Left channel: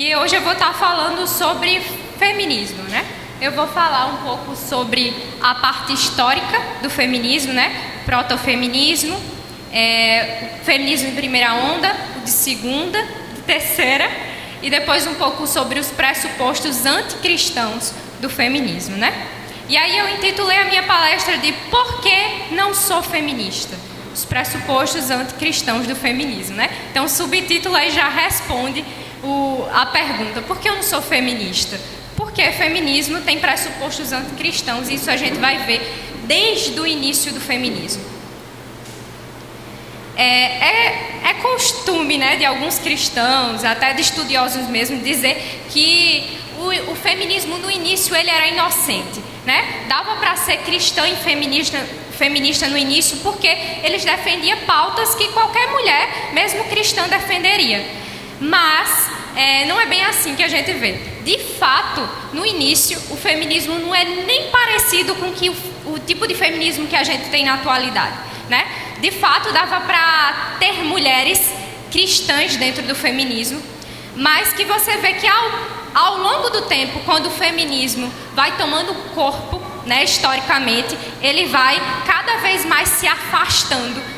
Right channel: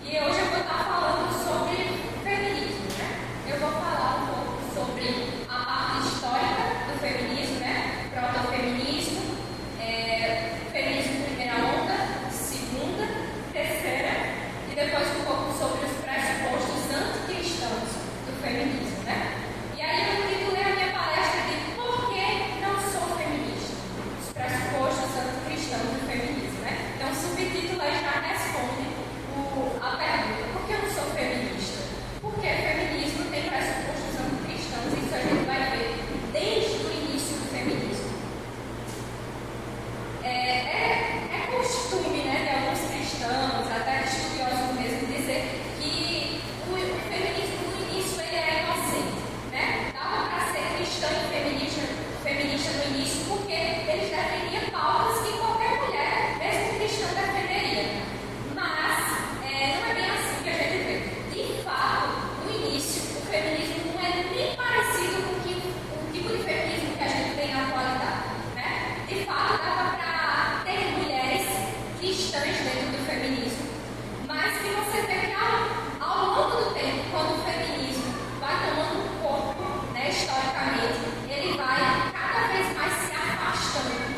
E hoje eu vou estar falando sobre feminismo, né? Eu vou falar um pouco sobre a parte histórica do feminismo, né? Protofeminismo, feminismo de primeira onda, de segunda, de terceira, e depois um pouco sobre os pressupostos anticristãos do feminismo, né? E aí eu intitulei a minha palestra de Por que não sou feminista? Os pressupostos anticristãos do feminismo, né? Então o subtítulo aí já responde a pergunta, por que eu não sou feminista? Porque feminismo tem pressupostos anticristãos, e isso a gente vai ver desde o início do feminismo. É costume, né, de alguns cristãos, até de estudiosos mesmo, dizer que o feminismo no início ele era inocente, né? Dava para ser cristã e feminista no início porque eles defendiam pautas que qualquer mulher, mesmo cristã, defenderia. Mas não é bem assim que a gente vê. De fato, no início, o feminismo não é nem parecido com o tipo de feminismo que a gente tem na atualidade, né? De fato, dava para ter mulheres cristãs dentro do feminismo, mas que você vê que ao longo do tempo, quando o feminismo vai tomando corpo, né, historicamente, ele vai cada vez mais se afastando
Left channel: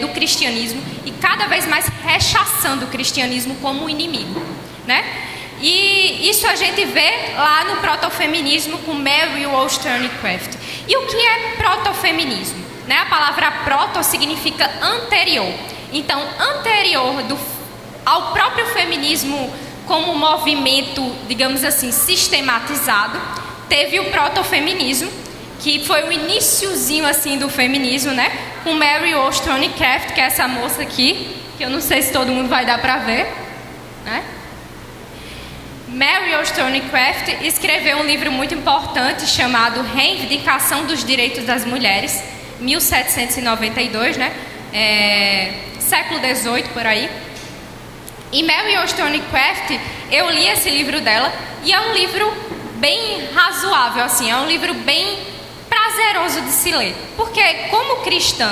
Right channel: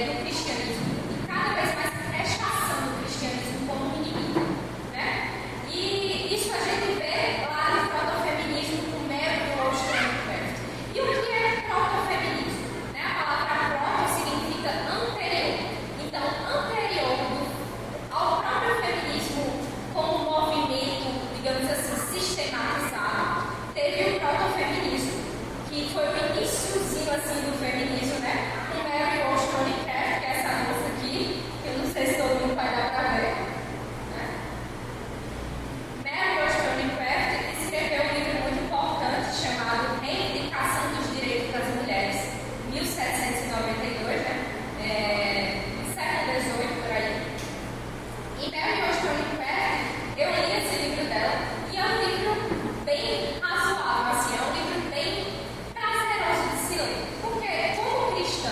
do cristianismo e cada vez mais rechaçando o cristianismo como inimigo, né? E isso a gente vê lá no protofeminismo com Mary Wollstonecraft. E o que é protofeminismo? Né? A palavra proto significa anterior. Então, anterior ao próprio feminismo como movimento, digamos assim, sistematizado, teve o protofeminismo, que foi o iniciozinho assim do feminismo, né? Com Mary Wollstonecraft, que é essa moça aqui, que eu não sei se todo mundo vai dar para ver, né? Mary Wollstonecraft escreveu um livro muito importante chamado Reivindicação dos Direitos das Mulheres, 1792, né? Século XVIII, por aí. E Mary Wollstonecraft, eu li esse livro dela, e é um livro bem razoável, assim, é um livro bem prazeroso de se ler. Porque, como cristã,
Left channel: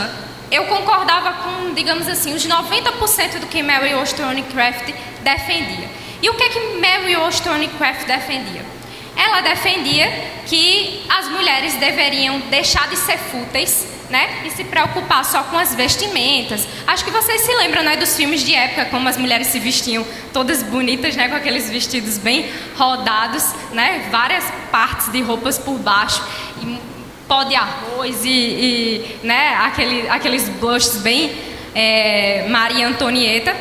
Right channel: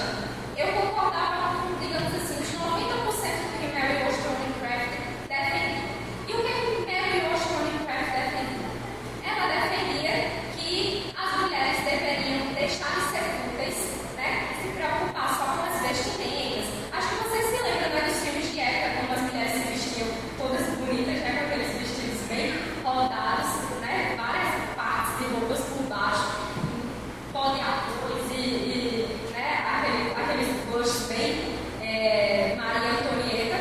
eu concordava com, digamos assim, os 90% do que Mary Wollstonecraft defendia. E o que Mary Wollstonecraft defendia? Ela defendia que as mulheres deveriam deixar de ser fúteis, né, e se preocupar só com as vestimentas. Acho que vocês se lembram, né, dos filmes de época, como as mulheres se vestiam todas bonitas, né, com aqueles vestidos bem rodados, né, várias partes de roupas por baixo, e pó de arroz né, aqueles blushes bem Maria Antonieta.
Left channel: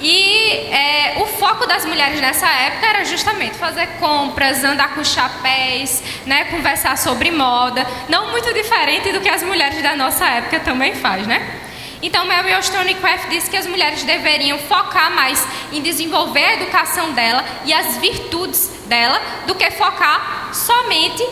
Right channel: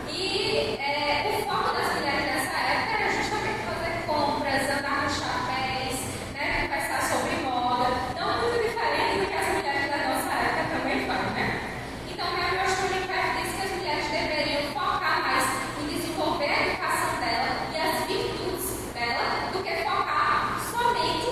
E o foco das mulheres nessa época era justamente fazer compras, andar com chapéus, né, conversar sobre moda, não muito diferente do que as mulheres da nossa época também faz, né? Então, Mary Wollstonecraft disse que as mulheres deveriam focar mais em desenvolver a educação dela e as virtudes dela do que focar somente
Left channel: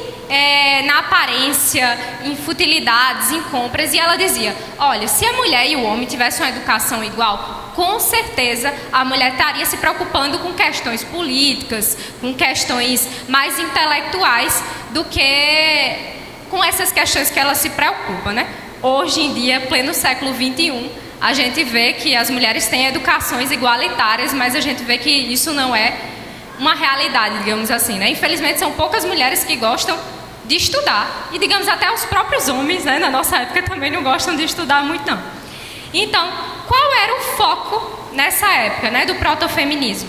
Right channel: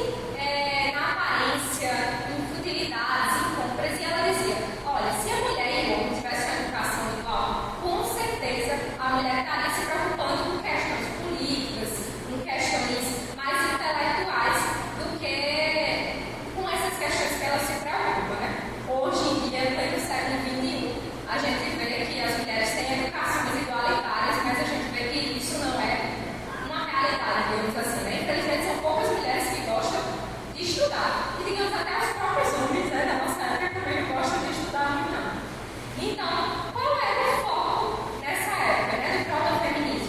na aparência, em futilidades, em compras. E ela dizia, olha, se a mulher e o homem tivessem uma educação igual, com certeza a mulher estaria se preocupando com questões políticas, com questões mais intelectuais do que com essas questões que ela se preocupa, né? Hoje em dia, pleno século XXI, a gente vê que as mulheres têm educações igualitárias, mas a gente vê que isso não é uma realidade, digamos assim, né? Infelizmente, são poucas mulheres que gostam de estudar, e digamos até os próprios homens, né, na nossa época também não gostam de estudar muito, não. Então, qual era o foco nessa época, né, do protofeminismo?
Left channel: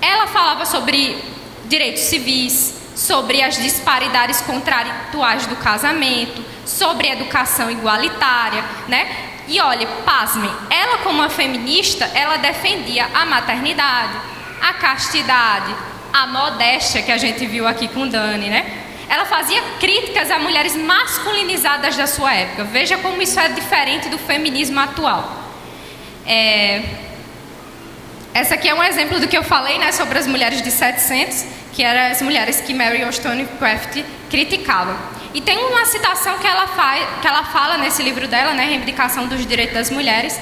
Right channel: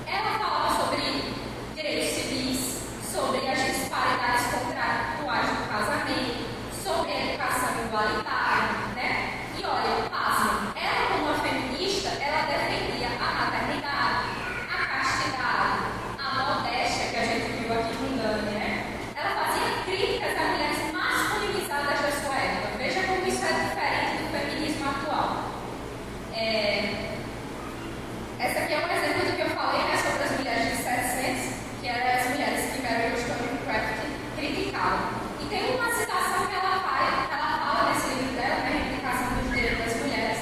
Ela falava sobre direitos civis, sobre as disparidades contratuais do casamento, sobre educação igualitária, né? E olha, pasmem, ela como uma feminista, ela defendia a maternidade, a castidade, a modéstia, que a gente viu aqui com Dani, né? Ela fazia críticas a mulheres masculinizadas da sua época. Veja como isso é diferente do feminismo atual. Essa aqui é um exemplo do que eu falei, né, sobre as mulheres de 700, que eram as mulheres que Mary Wollstonecraft criticava. E tem uma citação que ela fala nesse livro dela, né, Reivindicação dos Direitos das Mulheres,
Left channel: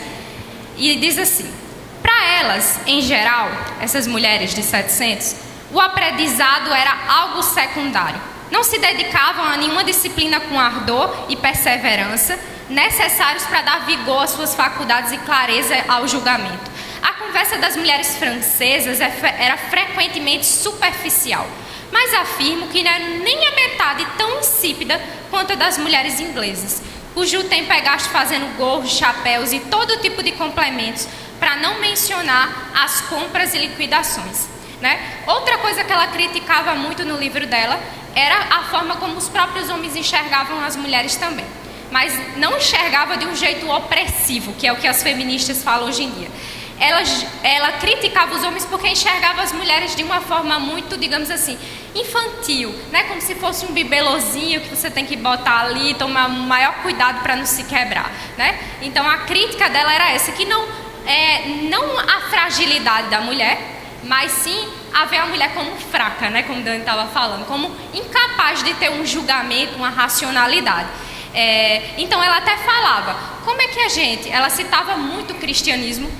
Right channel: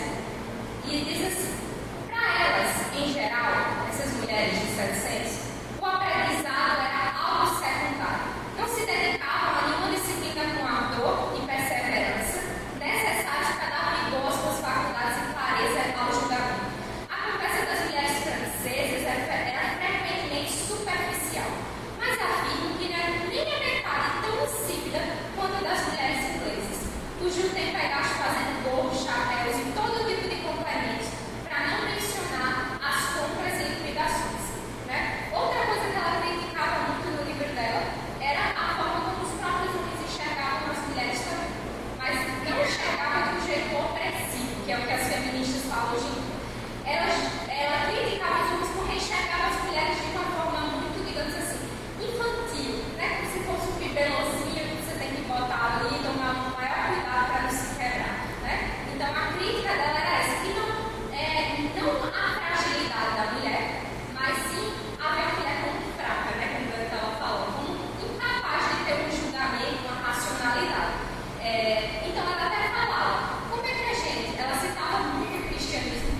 e diz assim, para elas, em geral, essas mulheres de 700, o aprendizado era algo secundário. Não se dedicavam a nenhuma disciplina com ardor e perseverança necessários para dar vigor às suas faculdades e clareza ao julgamento. A conversa das mulheres francesas era frequentemente superficial, mas afirmo que não era nem a metade tão insípida quanto a das mulheres inglesas, cujo tempo é gasto fazendo gorros, chapéus e todo tipo de complementos, para não mencionar as compras e liquidações, né? Outra coisa que ela criticava muito no livro dela era a forma como os próprios homens enxergavam as mulheres também, mas não enxergava de um jeito opressivo, que é o que as feministas falam hoje em dia. Ela criticava os homens porque enxergava as mulheres de uma forma muito, digamos assim, infantil, né? Como se fosse um bibelozinho que você tem que botar ali e tomar o maior cuidado para não se quebrar, né? Então a crítica dela era essa, que não a fragilidade da mulher, mas sim a ver a mulher como fraca, né? Como Dani estava falando, como incapaz de ter um julgamento, uma racionalidade. Então ela até falava, como é que ela citava muito o cristianismo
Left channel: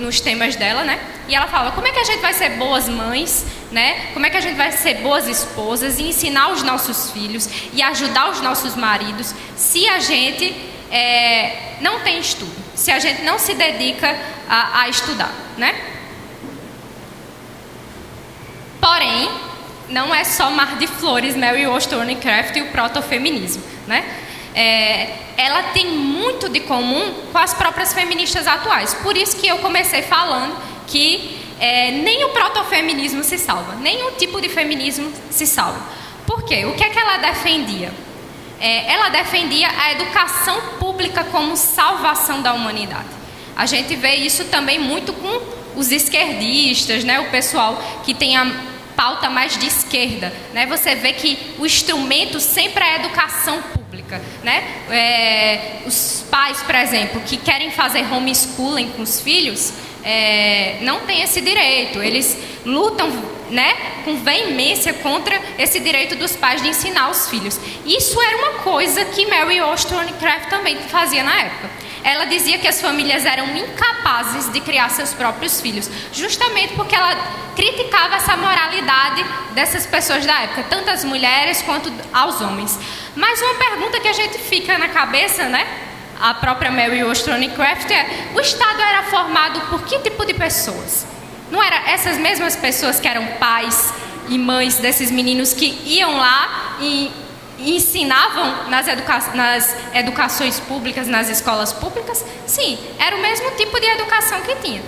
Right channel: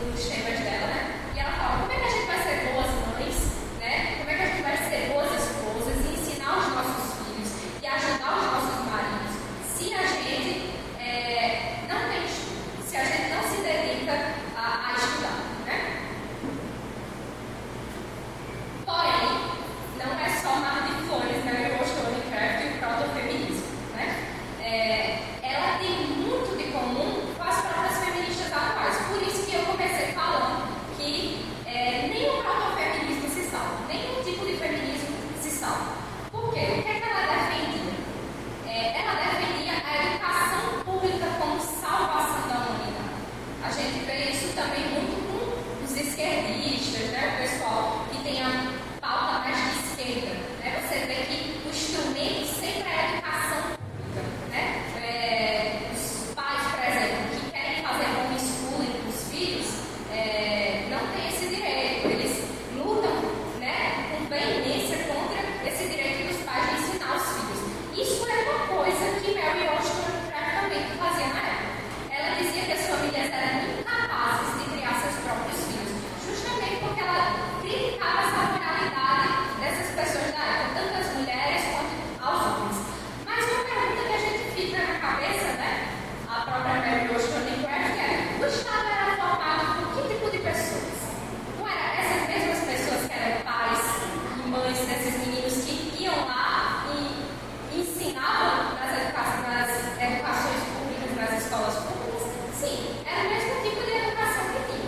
nos temas dela, né? E ela fala, como é que a gente vai ser boas mães, né? Como é que a gente vai ser boas esposas e ensinar os nossos filhos e ajudar os nossos maridos se a gente não tem estudo, se a gente não se dedica a estudar, né? Porém, não é só mar de flores, Mary Wollstonecraft e o protofeminismo, né? Ela tem muito de comum com as próprias feministas atuais. Por isso que eu comecei falando que nem o protofeminismo se salva, nenhum tipo de feminismo se salva. Por quê? O que é que ela defendia? Ela defendia a educação pública como salvação da humanidade. A gente vê isso também muito com os esquerdistas, né? O pessoal que tem a pauta mais de esquerda, né? Você vê que o instrumento sempre é a educação pública, né? Os pais, por exemplo, que querem fazer homeschooling com os filhos, não têm esse direito. Eles lutam, né, com veemência contra esse direito dos pais de ensinar os filhos. Isso era uma coisa que Mary Wollstonecraft também fazia na época. Ela dizia que as famílias eram incapazes de criar seus próprios filhos, justamente porque ela criticava essa moralidade dessas pessoas da época, tanto as mulheres quanto aos homens. Mas uma pergunta que a gente fica na cabeça, né? A própria Mary Wollstonecraft o Estado era formado por que tipo de pessoas? Não eram essas mesmas pessoas que eram pais e mães desses meninos que iam lá e ensinavam nas educações públicas, nas escolas públicas? Sim, era o mesmo tipo de educação que tinha.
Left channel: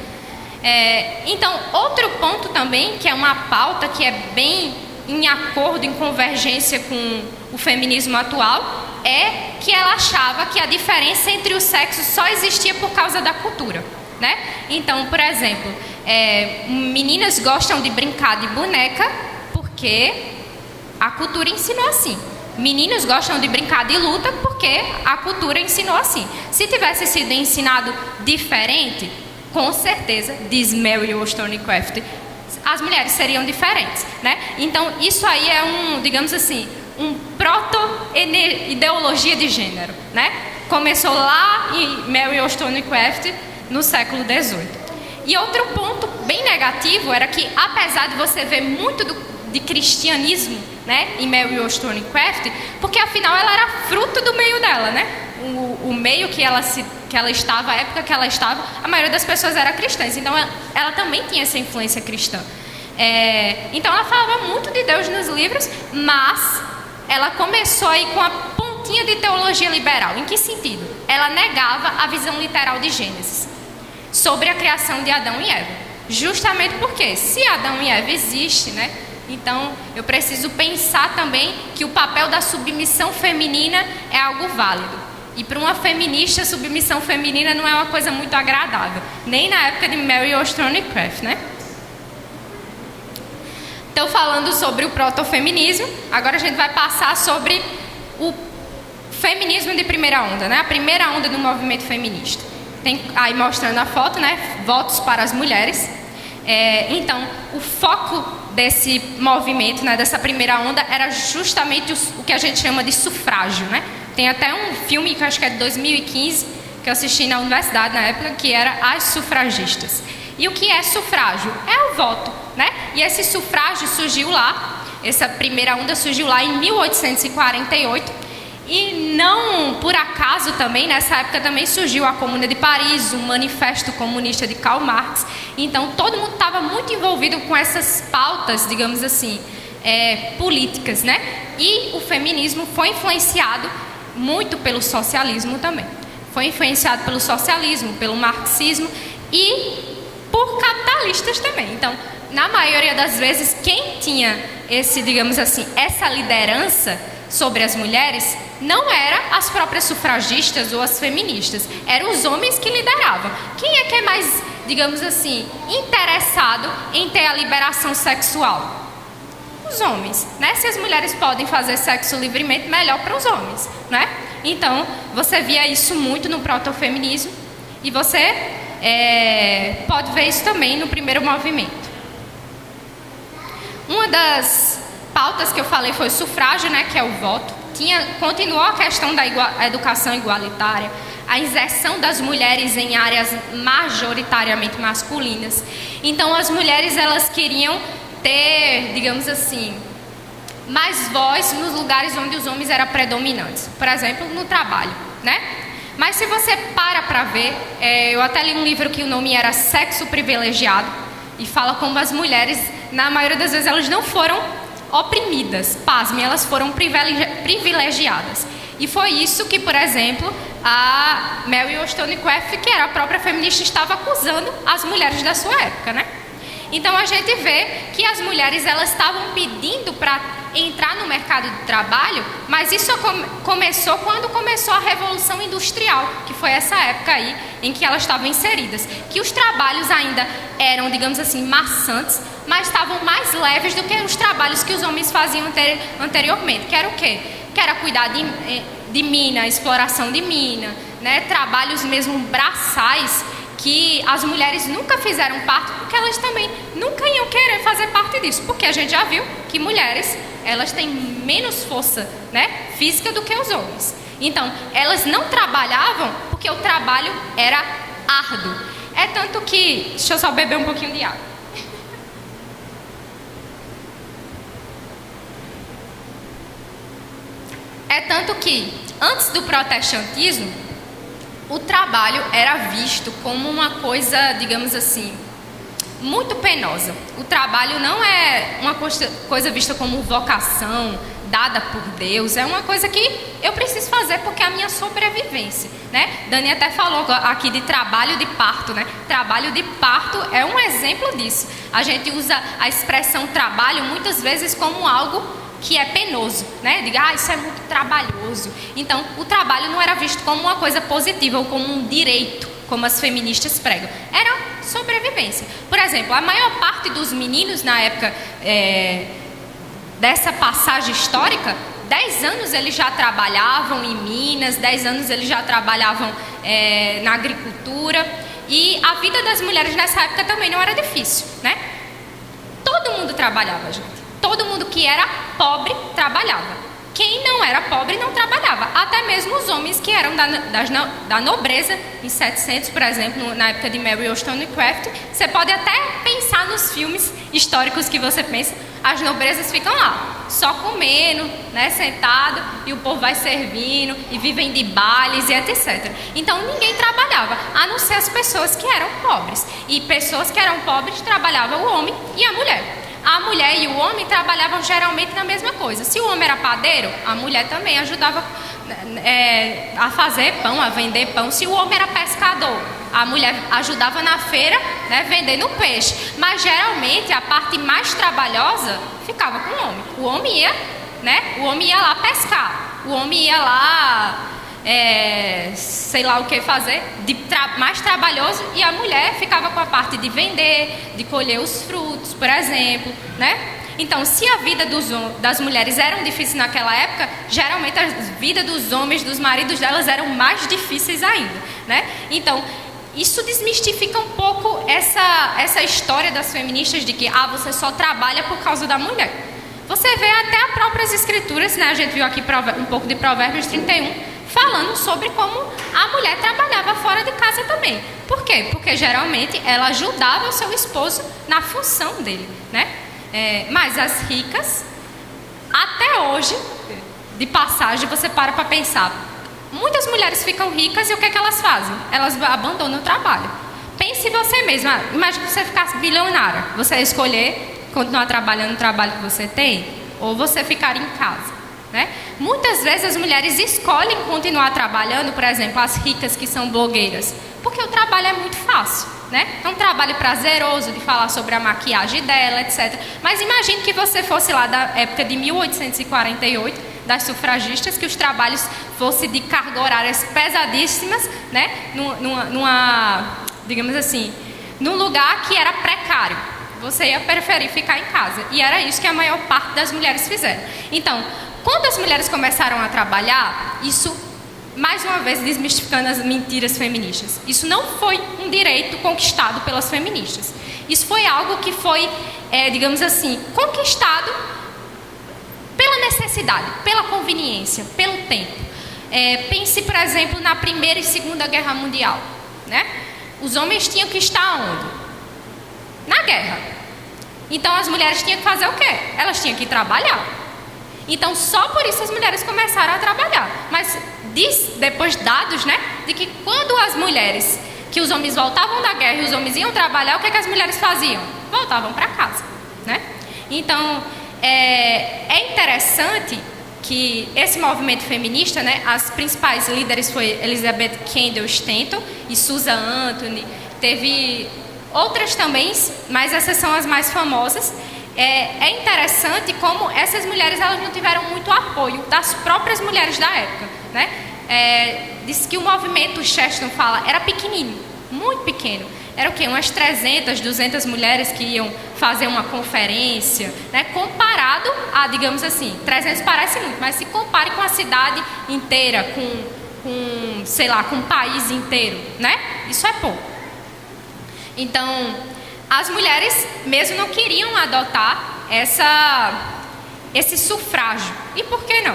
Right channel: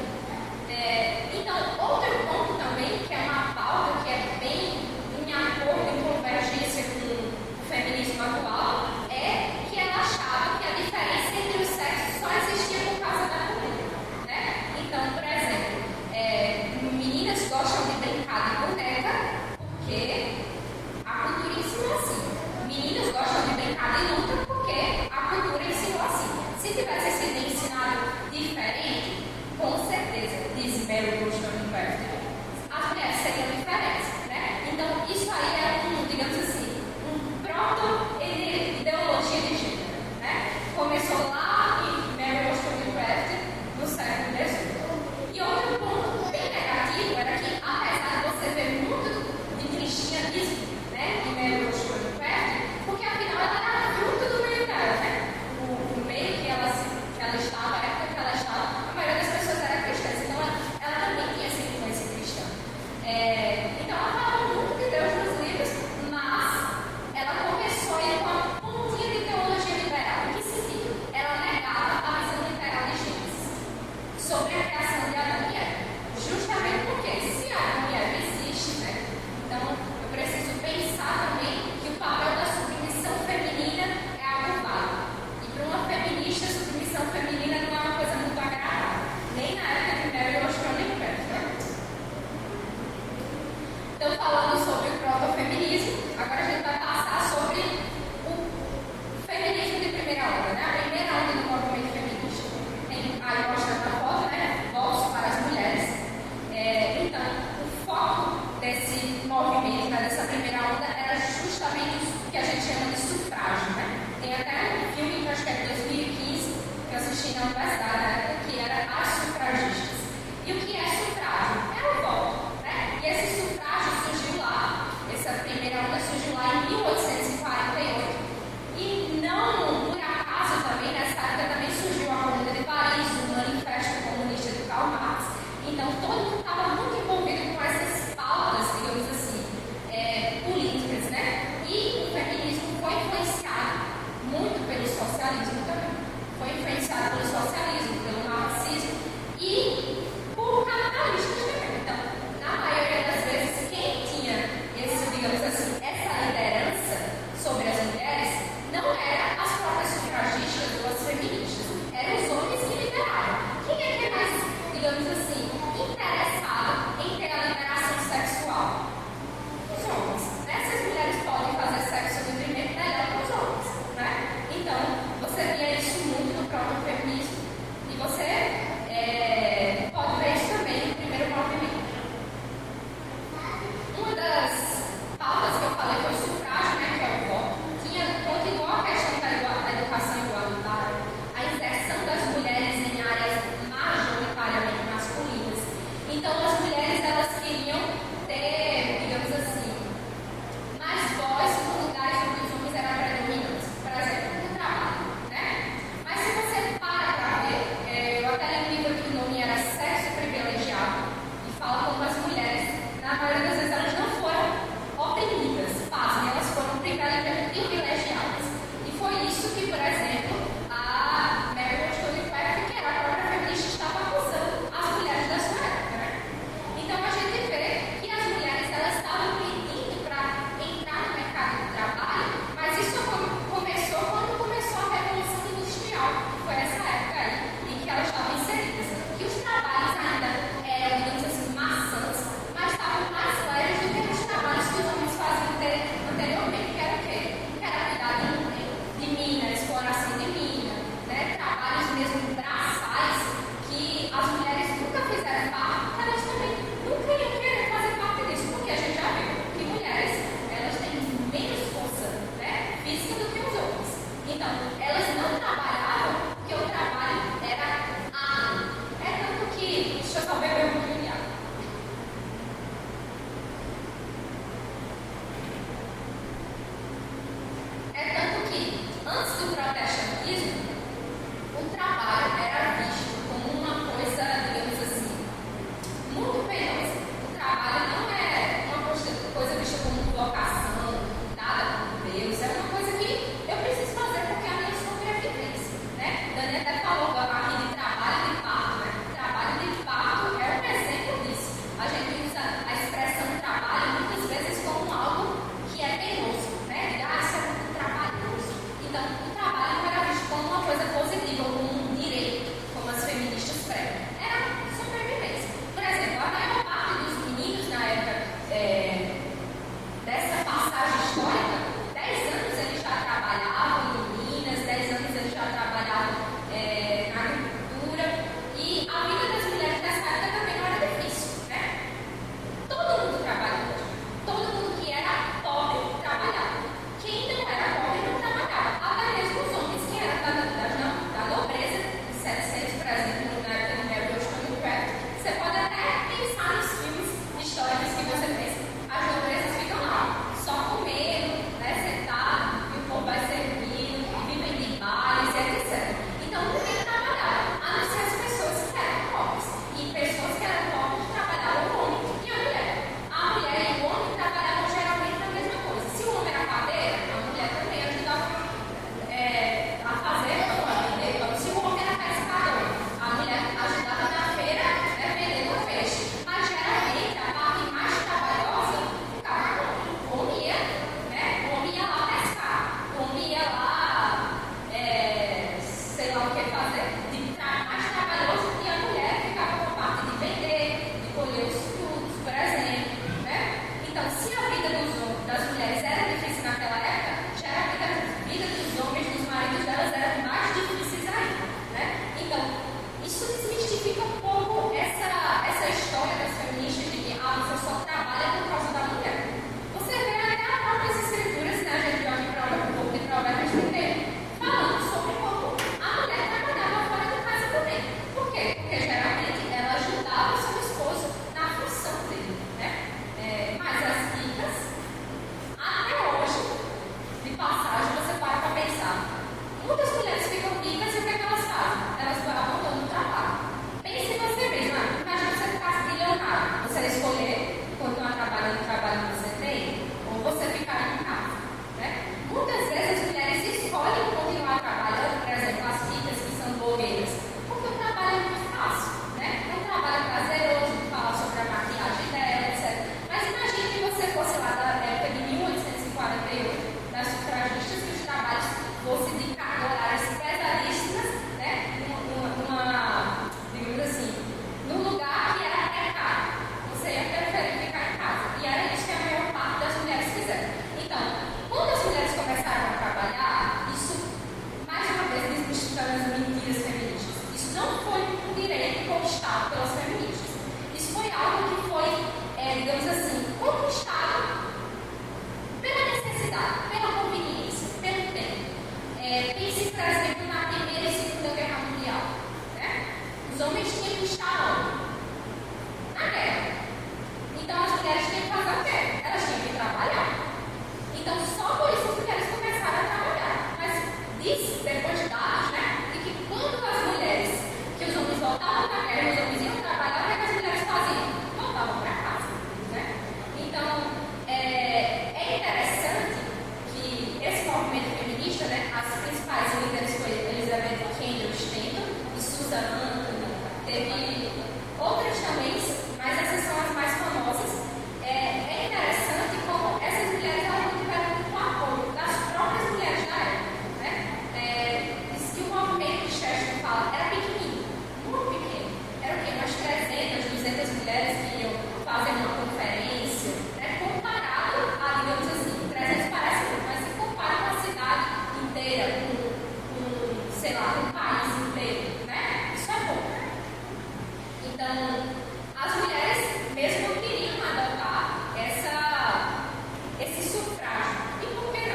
Então, outro ponto também, que é uma pauta que é bem em acordo, em convergência com o feminismo atual, é que ela achava que a diferença entre os sexos só existia por causa da cultura, né? Então, por exemplo, meninas gostam de brincar de boneca porque a cultura ensinou assim. Meninos gostam de brincar de luta porque a cultura ensinou assim. Se tivesse sido ensinado diferente, com certeza, diz Mary Wollstonecraft, as mulheres seriam diferentes, né? Então, isso aí é digamos assim, proto-ideologia de gênero, né? Começou lá em Mary Wollstonecraft no século XVIII. E outro ponto bem negativo era que, apesar de você ver muito de cristianismo, né, em Mary Wollstonecraft, porque afinal ela era fruto do meio dela, né? O meio que ela estava, a época que ela estava, a maioria das pessoas era cristãs, então ela também tinha essa influência cristã. Então ela falava muito de Deus nos livros, mas ela começou aí com a pontinha de teologia liberal. Em que sentido? Ela negava a visão literal de Gênesis sobre a criação de Adão e Eva. Justamente porque, se Adão e Eva existem, né? Então eu preciso pensar também que o papel da submissão feminina é algo válido. E para uma feminista, submissão feminina não é uma coisa muito agradável, nem na época de Mary Wollstonecraft, né? Então, falando sobre o protofeminismo, agora a gente vai passar sobre o feminismo de primeira onda, né? A primeira onda do movimento feminista. Tem aí mostrando a foto, né? Votos para as mulheres. Então, o foco desse movimento, né, dessa primeira onda, era justamente o que a gente chama de sufrágio, né? Tem até um filme que eu acho que é de 2015, que eu assisti na universidade na época, que era As Sufragistas. E o que é sufrágio? É o voto, né? E esse sufrágio surgiu lá, essa primeira onda surgiu lá em 1848, E não por acaso também, nessa época também surgiu a Comuna de Paris, o Manifesto Comunista de Karl Marx. Então todo mundo estava muito envolvido com essas pautas, digamos assim, políticas, né? E o feminismo foi influenciado muito pelo socialismo também. Foi influenciado pelo socialismo, pelo marxismo e por capitalistas também. Então, na maioria das vezes, quem tinha digamos assim, essa liderança sobre as mulheres não eram as próprias sufragistas ou as feministas, eram os homens que lideravam. Quem é que é mais, digamos assim, interessado em ter a liberação sexual? Os homens, né? Se as mulheres podem fazer sexo livremente, melhor para os homens, né? Então, você via isso muito no protofeminismo e você pode ver isso também no primeiro movimento. Uma das pautas que eu falei foi o sufrágio, né, que é o voto. Continuou a questão da educação igualitária, a inserção das mulheres em áreas majoritariamente masculinas. Então, as mulheres, elas queriam ter, digamos assim, mais voz nos lugares onde os homens eram predominantes. Por exemplo, no trabalho, né? Mas se você para ver, eu até li um livro que o nome era Sexo Privilegiado, e fala como as mulheres, na maioria das vezes, elas não foram oprimidas, pasmem, elas foram privilegiadas. E foi isso que, por exemplo, a Mary Wollstonecraft, que era a própria feminista, estava acusando as mulheres da sua época, né? Então a gente vê que as mulheres, elas estavam pedindo para entrar no mercado de trabalho, mas isso começou quando começou a Revolução Industrial, que foi essa época aí em que elas estavam inseridas, que os trabalhos ainda eram, digamos assim, maçantes, mas estavam mais leves do que os trabalhos que os homens faziam anteriormente, que era o quê? Que era cuidar de mina, exploração de mina, né? Trabalhos mesmo braçais, que as mulheres nunca fizeram parte, porque elas também nunca iam querer fazer parte disso, porque a gente já viu que mulheres, elas têm menos força, né, física do que os homens. Então, elas não trabalhavam porque o trabalho era árduo. É tanto que, deixa eu só beber um pouquinho de água. É tanto que, antes do protestantismo, o trabalho era visto como uma coisa, digamos assim, muito penosa. O trabalho não é uma coisa vista como vocação, dada por Deus. É uma coisa que eu preciso fazer porque é a minha sobrevivência, né? Dani até falou aqui de trabalho de parto, né? Trabalho de parto é um exemplo disso. A gente usa a expressão trabalho muitas vezes como algo que é penoso, né? Diga, isso é muito trabalhoso. Então, o trabalho não era visto como uma coisa positiva ou como um direito, como as feministas pregam. Era sobrevivência. Por exemplo, a maior parte dos meninos na época dessa passagem histórica, 10 anos eles já trabalhavam em Minas, 10 anos eles já trabalhavam na agricultura, e a vida das mulheres nessa época também não era difícil, né? Todo mundo trabalhava, gente. Todo mundo que era pobre trabalhava. Quem não era pobre não trabalhava. Até mesmo os homens que eram da nobreza, em 700, por exemplo, na época de Mary Wollstonecraft, você pode até pensar nos filmes históricos que você pensa, as nobrezas ficam lá, só comendo, né, sentado, e o povo vai servindo, e vivem de bailes e etc. Então ninguém trabalhava, a não ser as pessoas que eram pobres. E pessoas que eram pobres trabalhavam o homem e a mulher. A mulher e o homem trabalhavam geralmente na mesma coisa. Se o homem era padeiro, a mulher também ajudava a fazer pão, a vender pão. Se o homem era pescador, a mulher ajudava na feira, né, vendendo peixe. Mas geralmente a parte mais trabalhosa ficava com o homem. O homem ia, né, o homem ia lá pescar. O homem ia lá, sei lá o que fazer, mais trabalhoso, e a mulher ficava com a parte de vender, de colher os frutos, por exemplo, né? Então, se a vida das mulheres era difícil naquela época, geralmente a vida dos homens, dos maridos delas, eram mais difíceis ainda, né? Então, isso desmistifica um pouco essa história das feministas de que você só trabalha por causa da mulher. Você vê até as próprias escrituras, né? A gente viu aqui um pouco de Provérbios 31, falando sobre como a mulher trabalhava fora de casa também. Por quê? Porque geralmente ela ajudava o seu esposo na função dele, né? Mas as ricas, até hoje, de passagem, você para pensar. Muitas mulheres ficam ricas e o que é que elas fazem? Elas abandonam o trabalho. Pense em você mesma. Imagine que você ficasse bilionária. Você ia escolher continuar trabalhando no trabalho que você tem ou você ficar em casa, né? Muitas vezes as mulheres escolhem continuar trabalhando, por exemplo, as ricas que são blogueiras, porque o trabalho é muito fácil, né? É um trabalho prazeroso de falar sobre a maquiagem dela, etc. Mas imagine que você fosse lá da época de 1848, das sufragistas, que os trabalhos fossem de carga horárias pesadíssimas, né? Digamos assim, num lugar que era precário. Você ia preferir ficar em casa. E era isso que a maior parte das mulheres fizeram. Então, quando as mulheres começaram a trabalhar, isso, mais uma vez, desmistificando as mentiras feministas, isso não foi um direito conquistado pelas feministas. Isso foi algo que foi, digamos assim, conquistado pela necessidade, pela conveniência, pelo tempo. Pense, por exemplo, na Primeira e Segunda Guerra Mundial, né? Os homens tinham que estar onde? Na guerra. Então as mulheres tinham que fazer o quê? Elas tinham que trabalhar. Então só por isso as mulheres começaram a trabalhar. Mas diz depois dados, né, de que quando as mulheres, que os homens voltavam da guerra e os homens iam trabalhar, o que é que as mulheres faziam? Voltavam para casa, né? Então é interessante que esse movimento feminista, né, as principais líderes foi Elizabeth Candle Stanton e Susan Anthony, teve outras também, mas essas são as mais famosas. É interessante como essas mulheres elas não tiveram muito apoio das próprias mulheres da época, né? Diz que o movimento, Chesterton fala, era pequenino, muito pequeno. Era o quê? Umas 300, 200 mulheres que iam fazer uma conferência, né? Comparado a, digamos assim, 300 parece muito, mas se compare com a cidade inteira, sei lá, com o país inteiro, né? Isso é pouco. Então, as mulheres mesmo não queriam adotar esse sufrágio. E por que não?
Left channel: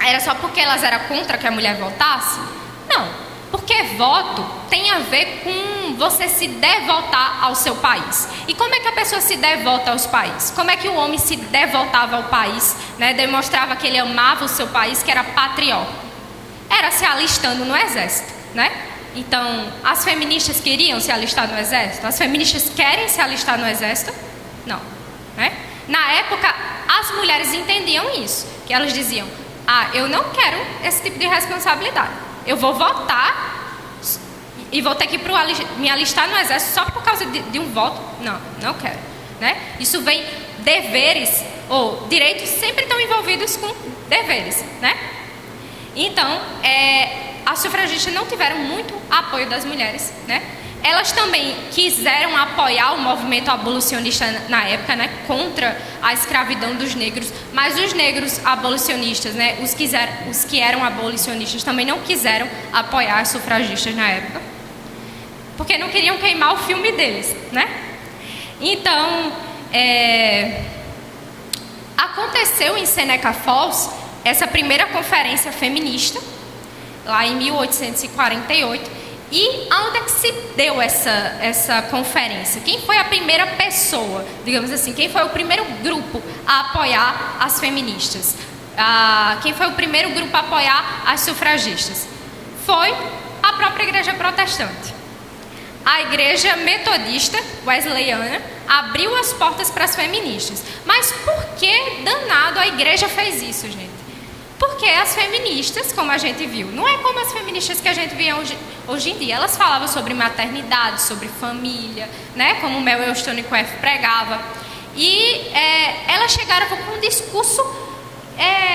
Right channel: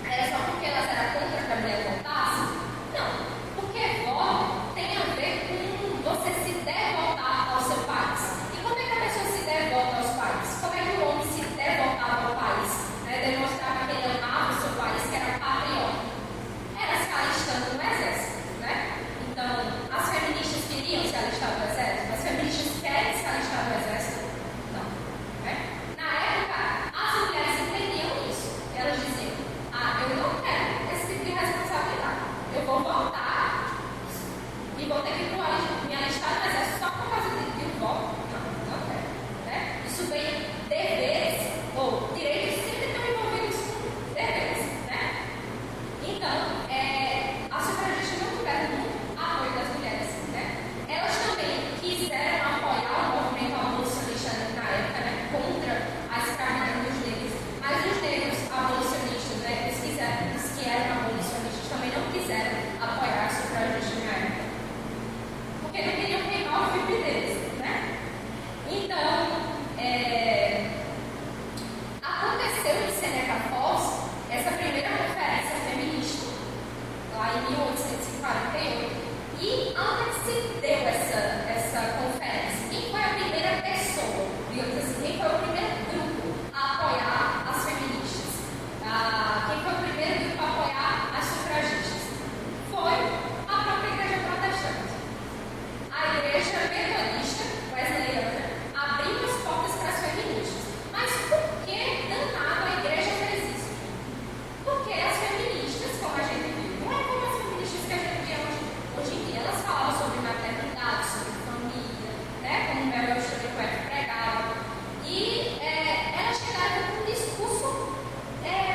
Era só porque elas eram contra que a mulher votasse? Não, porque voto tem a ver com você se devotar ao seu país. E como é que a pessoa se devota aos países? Como é que o homem se devotava ao país, né? Demonstrava que ele amava o seu país, que era patriota? Era se alistando no exército, né? Então, as feministas queriam se alistar no exército? As feministas querem se alistar no exército? Não, né? Na época, as mulheres entendiam isso, que elas diziam, eu não quero esse tipo de responsabilidade. Eu vou votar e vou ter que me alistar no exército só por causa de um voto? Não, não quero, né? Isso vem deveres, ou direitos sempre estão envolvidos com deveres, né? Então, as sufragistas não tiveram muito apoio das mulheres, né? Elas também quiseram apoiar o movimento abolicionista na época, né? Contra a escravidão dos negros, mas os negros abolicionistas, né? Os que eram abolicionistas também não quiseram apoiar as sufragistas na época, porque não queriam queimar o filme deles, né? Então, aconteceu em Seneca Falls essa primeira conferência feminista, lá em 1848, e onde é que se deu essa conferência? Quem foi a primeira pessoa, digamos assim, quem foi o primeiro grupo a apoiar as feministas? Quem foi o primeiro grupo a apoiar as sufragistas? Foi a própria igreja protestante. A igreja metodista wesleyana abriu as portas para as feministas. Mas por que danado a igreja fez isso, gente? Porque as feministas, como a gente viu, não é como as feministas que a gente vê hoje em dia. Elas falavam sobre maternidade, sobre família, né? Como Mel Wollstonecraft pregava. E elas chegaram com um discurso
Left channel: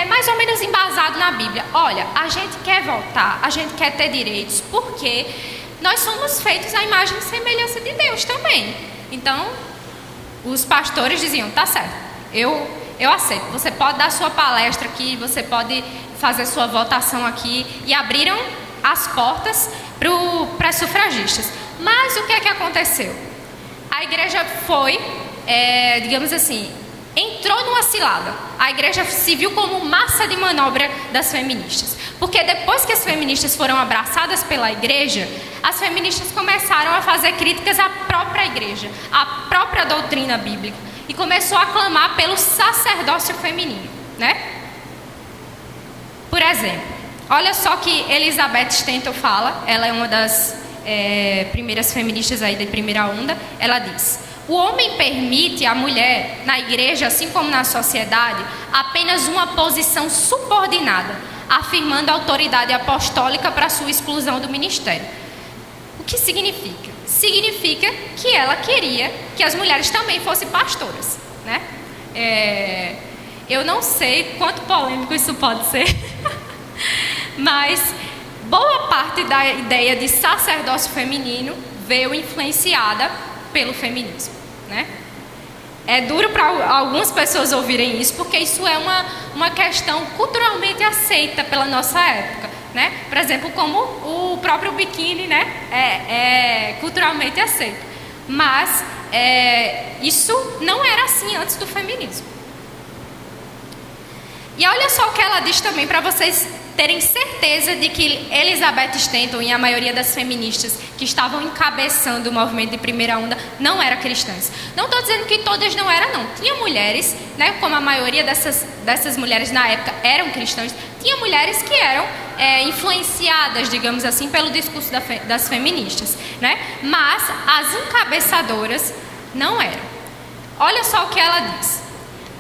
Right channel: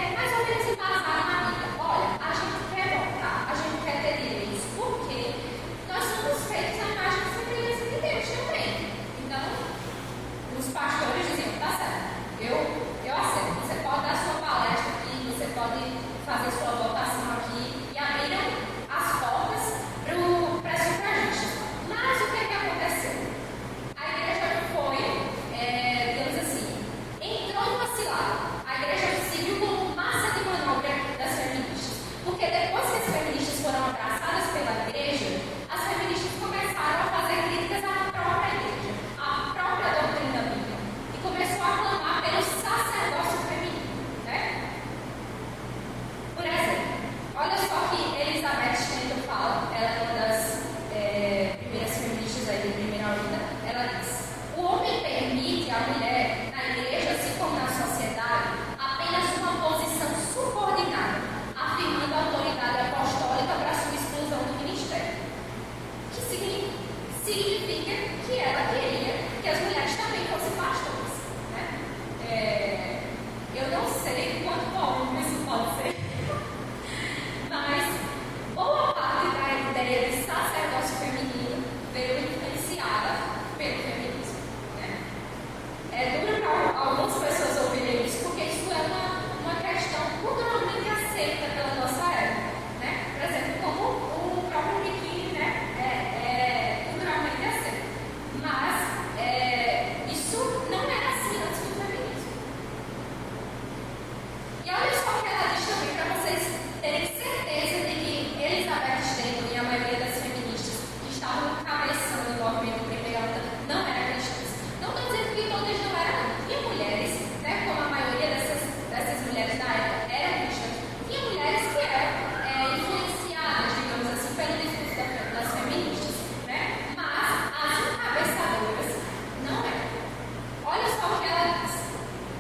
mais ou menos embasado na Bíblia. Olha, a gente quer votar, a gente quer ter direitos, porque nós somos feitos à imagem e semelhança de Deus também. Então, os pastores diziam, tá certo, eu aceito, você pode dar sua palestra aqui, você pode fazer sua votação aqui, e abriram as portas para as sufragistas. Mas o que é que aconteceu? A igreja foi, digamos assim, entrou numa cilada. A igreja se viu como massa de manobra das feministas. Porque depois que as feministas foram abraçadas pela igreja, as feministas começaram a fazer críticas à própria igreja, à própria doutrina bíblica, e começou a clamar pelo sacerdócio feminino, né? exemplo, olha só que Elizabeth Stanton fala, ela é uma das primeiras feministas aí da primeira onda. Ela diz: o homem permite à mulher, na igreja, assim como na sociedade, apenas uma posição subordinada, afirmando a autoridade apostólica para sua exclusão do ministério. O que significa? Significa que ela queria que as mulheres também fossem pastoras, né? Eu não sei quanto polêmico isso pode ser, mas boa parte da ideia de sacerdócio feminino veio influenciada pelo feminismo, né? É duro para algumas pessoas ouvirem isso, porque isso é uma questão culturalmente aceita pela nossa época, né? Por exemplo, como o próprio biquíni, né? É culturalmente aceito. Mas isso não era assim antes do feminismo. E olha só o que ela diz também, para vocês terem certeza de que Elizabeth Stanton e a maioria das feministas que estavam encabeçando o movimento de primeira onda não eram cristãs. Não estou dizendo que todas não eram, não. Tinha mulheres, né, como a maioria dessas mulheres na época eram cristãs, tinha mulheres que eram influenciadas, digamos assim, pelo discurso das feministas, né? Mas as encabeçadoras não eram. Olha só o que ela diz.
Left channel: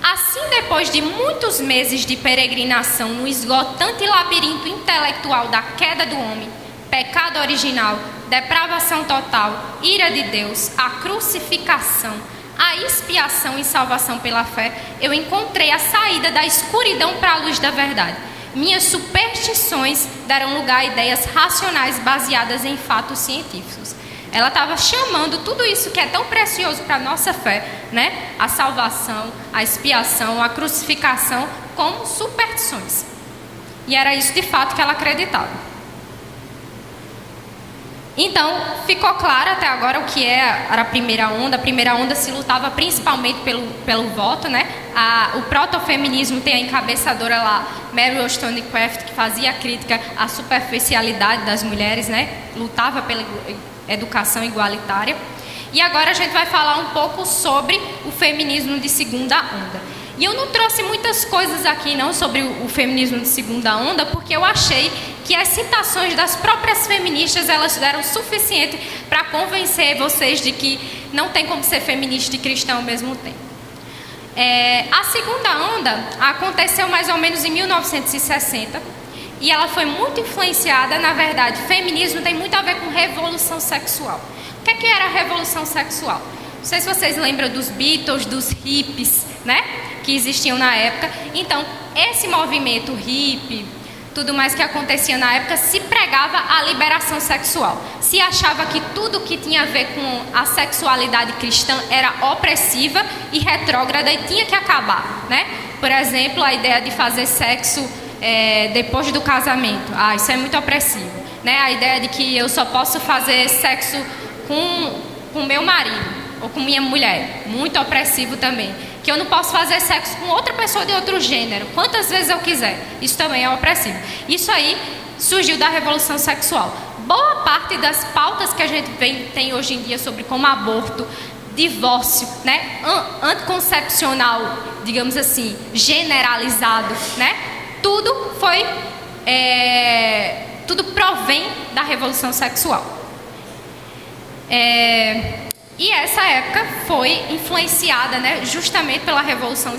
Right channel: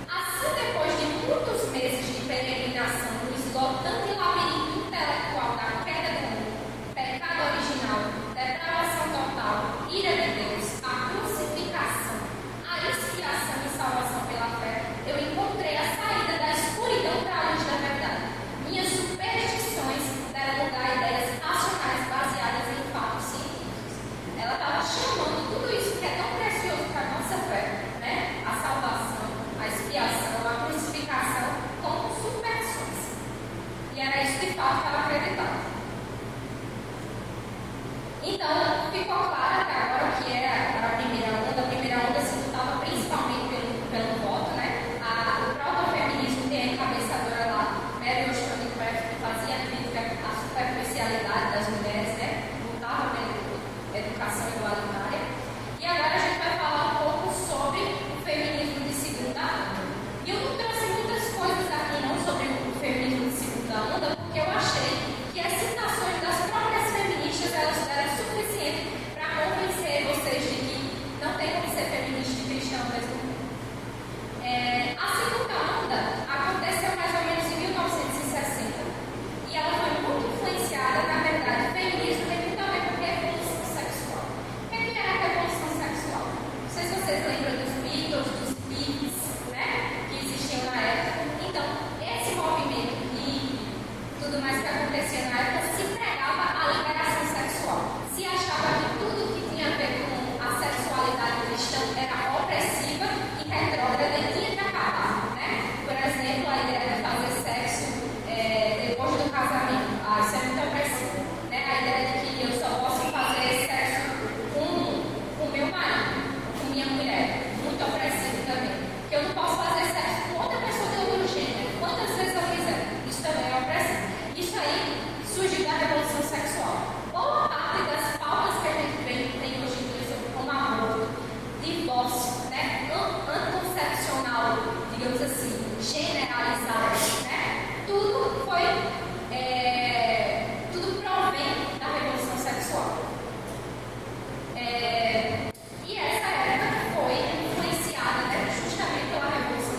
Assim, depois de muitos meses de peregrinação no esgotante labirinto intelectual da queda do homem, pecado original, depravação total, ira de Deus, a crucificação, a expiação e salvação pela fé, eu encontrei a saída da escuridão para a luz da verdade. Minhas superstições deram lugar a ideias racionais baseadas em fatos científicos. Ela estava chamando tudo isso que é tão precioso para a nossa fé, né? A salvação, a expiação, a crucificação, como superstições. E era isso de fato que ela acreditava. Então, ficou claro até agora o que era a primeira onda. A primeira onda se lutava principalmente pelo voto, né? O protofeminismo tem a encabeçadora lá, Mary Wollstonecraft, que fazia crítica à superficialidade das mulheres, né? Lutava pela educação igualitária. E agora a gente vai falar um pouco sobre o feminismo de segunda onda. E eu não trouxe muitas coisas aqui não sobre o feminismo de segunda onda, porque eu achei que as citações das próprias feministas, elas deram suficiente para convencer vocês de que não tem como ser feminista e cristã ao mesmo tempo. A segunda onda aconteceu mais ou menos em 1960, e ela foi muito influenciada, na verdade, feminismo tem muito a ver com revolução sexual. O que era a revolução sexual? Não sei se vocês lembram dos Beatles, dos hippies, né? Que existiam na época. Então, esse movimento hippie, tudo mais que acontecia na época, se pregava a liberação sexual. Se achava que tudo que tinha a ver com a sexualidade cristã era opressiva e retrógrada e tinha que acabar, né? Por exemplo, a ideia de fazer sexo depois do casamento. Isso é muito opressivo, né? A ideia de que eu só posso fazer sexo com meu marido ou com minha mulher, muito opressivo também. Que eu não posso fazer sexo com outra pessoa de outro gênero, quantas vezes eu quiser. Isso também é opressivo. Isso aí surgiu da revolução sexual. Boa parte das pautas que a gente tem hoje em dia sobre como aborto, divórcio, né, anticoncepcional, digamos assim, generalizado, né? Tudo provém da revolução sexual. E essa época foi influenciada, né, justamente pela revolução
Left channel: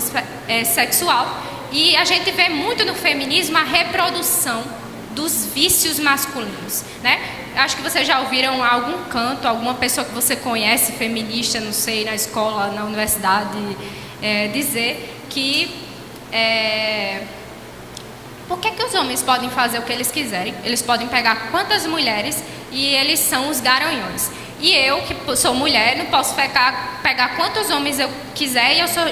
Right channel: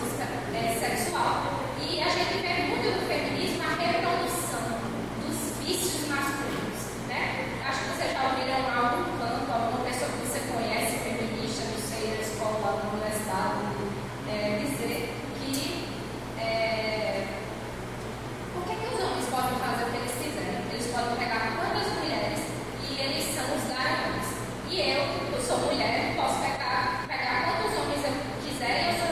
sexual. E a gente vê muito no feminismo a reprodução dos vícios masculinos, né? Acho que vocês já ouviram algum canto, alguma pessoa que você conhece, feminista, não sei, na escola, na universidade, dizer que por que os homens podem fazer o que eles quiserem? Eles podem pegar quantas mulheres e eles são os garanhões. E eu, que sou mulher, não posso pegar quantos homens eu quiser e eu sou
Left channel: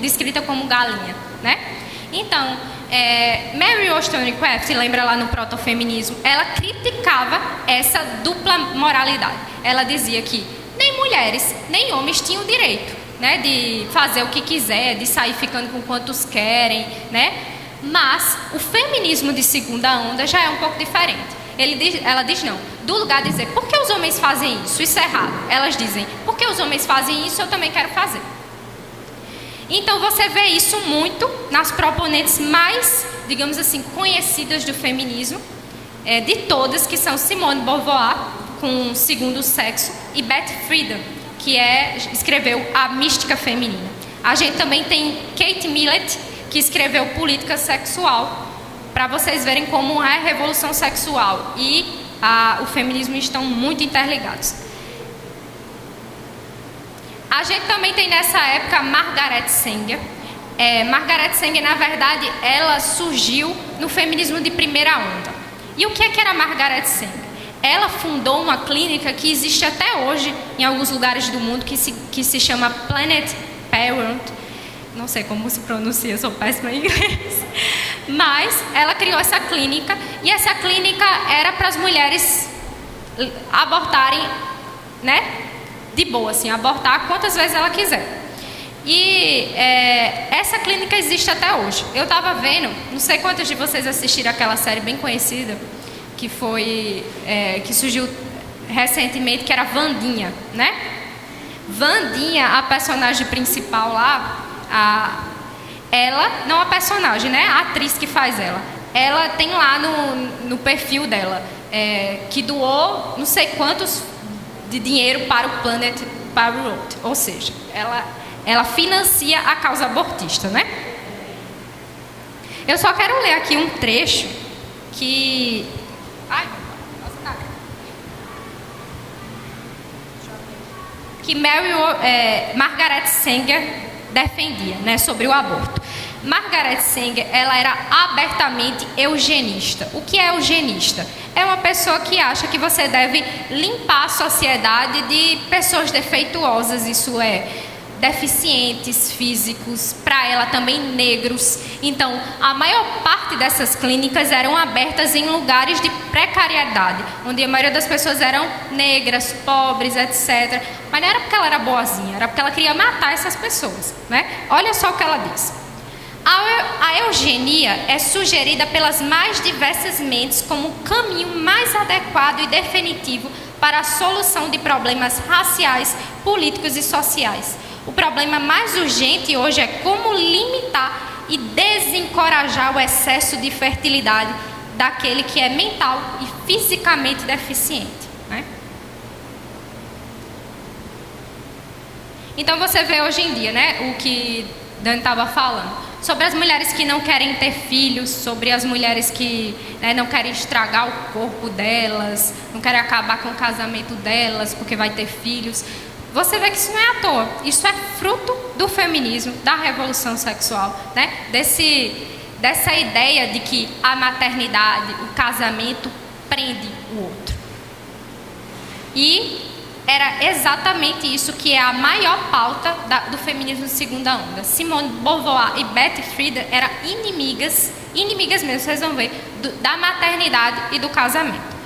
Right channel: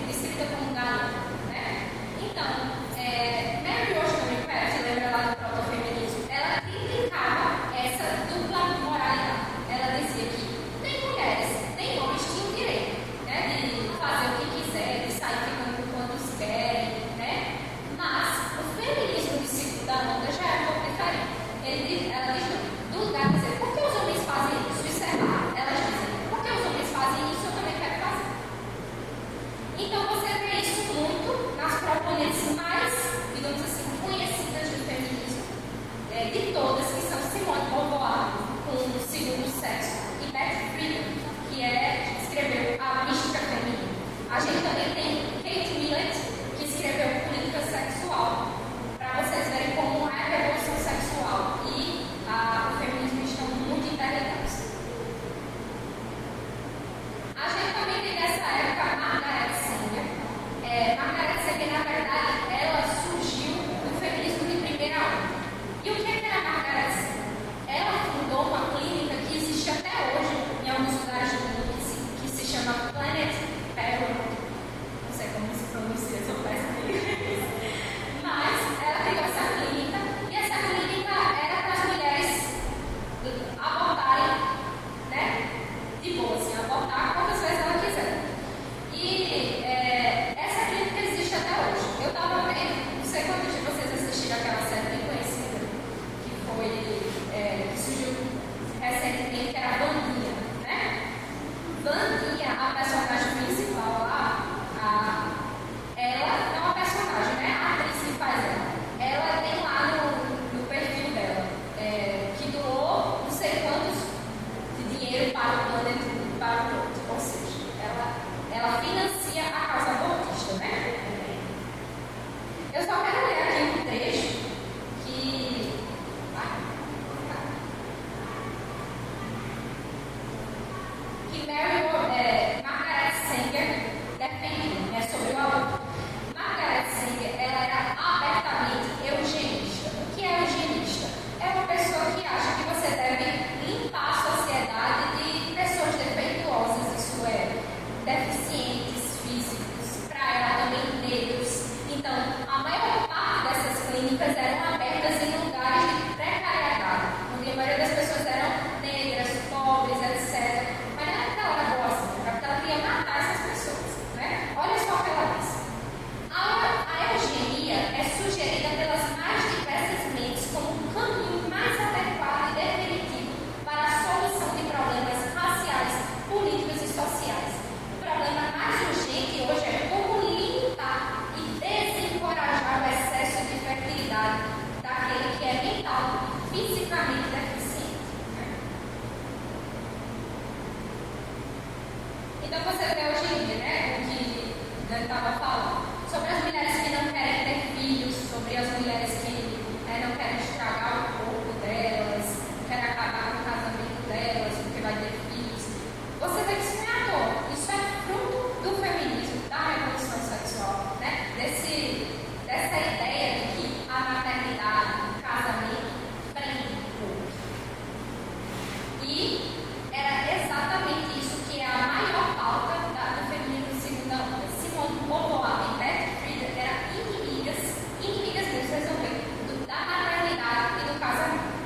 descrita como galinha, né? Então, Mary Wollstonecraft, lembra lá no protofeminismo, ela criticava essa dupla moralidade. Ela dizia que nem mulheres, nem homens tinham direito, né, de fazer o que quiser, de sair ficando com quantos querem, né? Mas o feminismo de segunda onda já é um pouco diferente. Ela diz não, do lugar de dizer, por que os homens fazem isso? Isso é errado. Elas dizem, por que os homens fazem isso? Eu também quero fazer. Então você vê isso muito nas proponentes mais, digamos assim, conhecidas do feminismo, de todas, que são Simone de Beauvoir, com O Segundo Sexo, e Beth Friedan, que escreveu A Mística Feminina. A gente também tem Kate Millett, que escreveu Política Sexual, para vocês verem como a revolução sexual e o feminismo estão muito interligados. A gente também tem nessa época Margaret Sanger. Margaret Sanger, na verdade, ela surgiu no feminismo de primeira onda. E o que era Margaret Sanger? Ela fundou uma clínica que existe até hoje em alguns lugares do mundo, que se chama Planned Parenthood. Não sei como se pronuncia, sou péssima em inglês. Mas ela criou essa clínica, e essa clínica era para as mulheres abortarem, né? De boa, assim, abortar quantas vezes ela quiser. E essa clínica existe até hoje. Eu estava vendo, não sei quantos de vocês assistiram aquela série bem conhecida, que surgiu recentemente, que era Wandinha, né? Wandinha, a personagem principal lá, ela, não a personagem, né? A atriz que faz ela tem lá no perfil dela, que doou não sei quantos de dinheiro para o Planned Parenthood, ou seja, ela financia a causa abortista, né? Eu só quero ler aqui um trecho que Margaret Sanger defendia, né, sobre o aborto. Margaret Sanger, ela era abertamente eugenista. O que é eugenista? É uma pessoa que acha que você deve limpar a sociedade de pessoas defeituosas, isso é, deficientes físicos, para ela também negros. Então, a maior parte dessas clínicas eram abertas em lugares de precariedade, onde a maioria das pessoas eram negras, pobres, etc. Mas não era porque ela era boazinha, era porque ela queria matar essas pessoas, né? Olha só o que ela diz. A eugenia é sugerida pelas mais diversas mentes como o caminho mais adequado e definitivo para a solução de problemas raciais, políticos e sociais. O problema mais urgente hoje é como limitar e desencorajar o excesso de fertilidade daquele que é mental e fisicamente deficiente, né? Então você vê hoje em dia, né, o que Dani estava falando, sobre as mulheres que não querem ter filhos, sobre as mulheres que, né, não querem estragar o corpo delas, não querem acabar com o casamento delas porque vai ter filhos. Você vê que isso não é à toa, isso é fruto do feminismo, da revolução sexual, né? Dessa ideia de que a maternidade, o casamento prende o outro. E era exatamente isso que é a maior pauta do feminismo de segunda onda. Simone de Beauvoir e Beth Friedan eram inimigas mesmo, vocês vão ver, da maternidade e do casamento.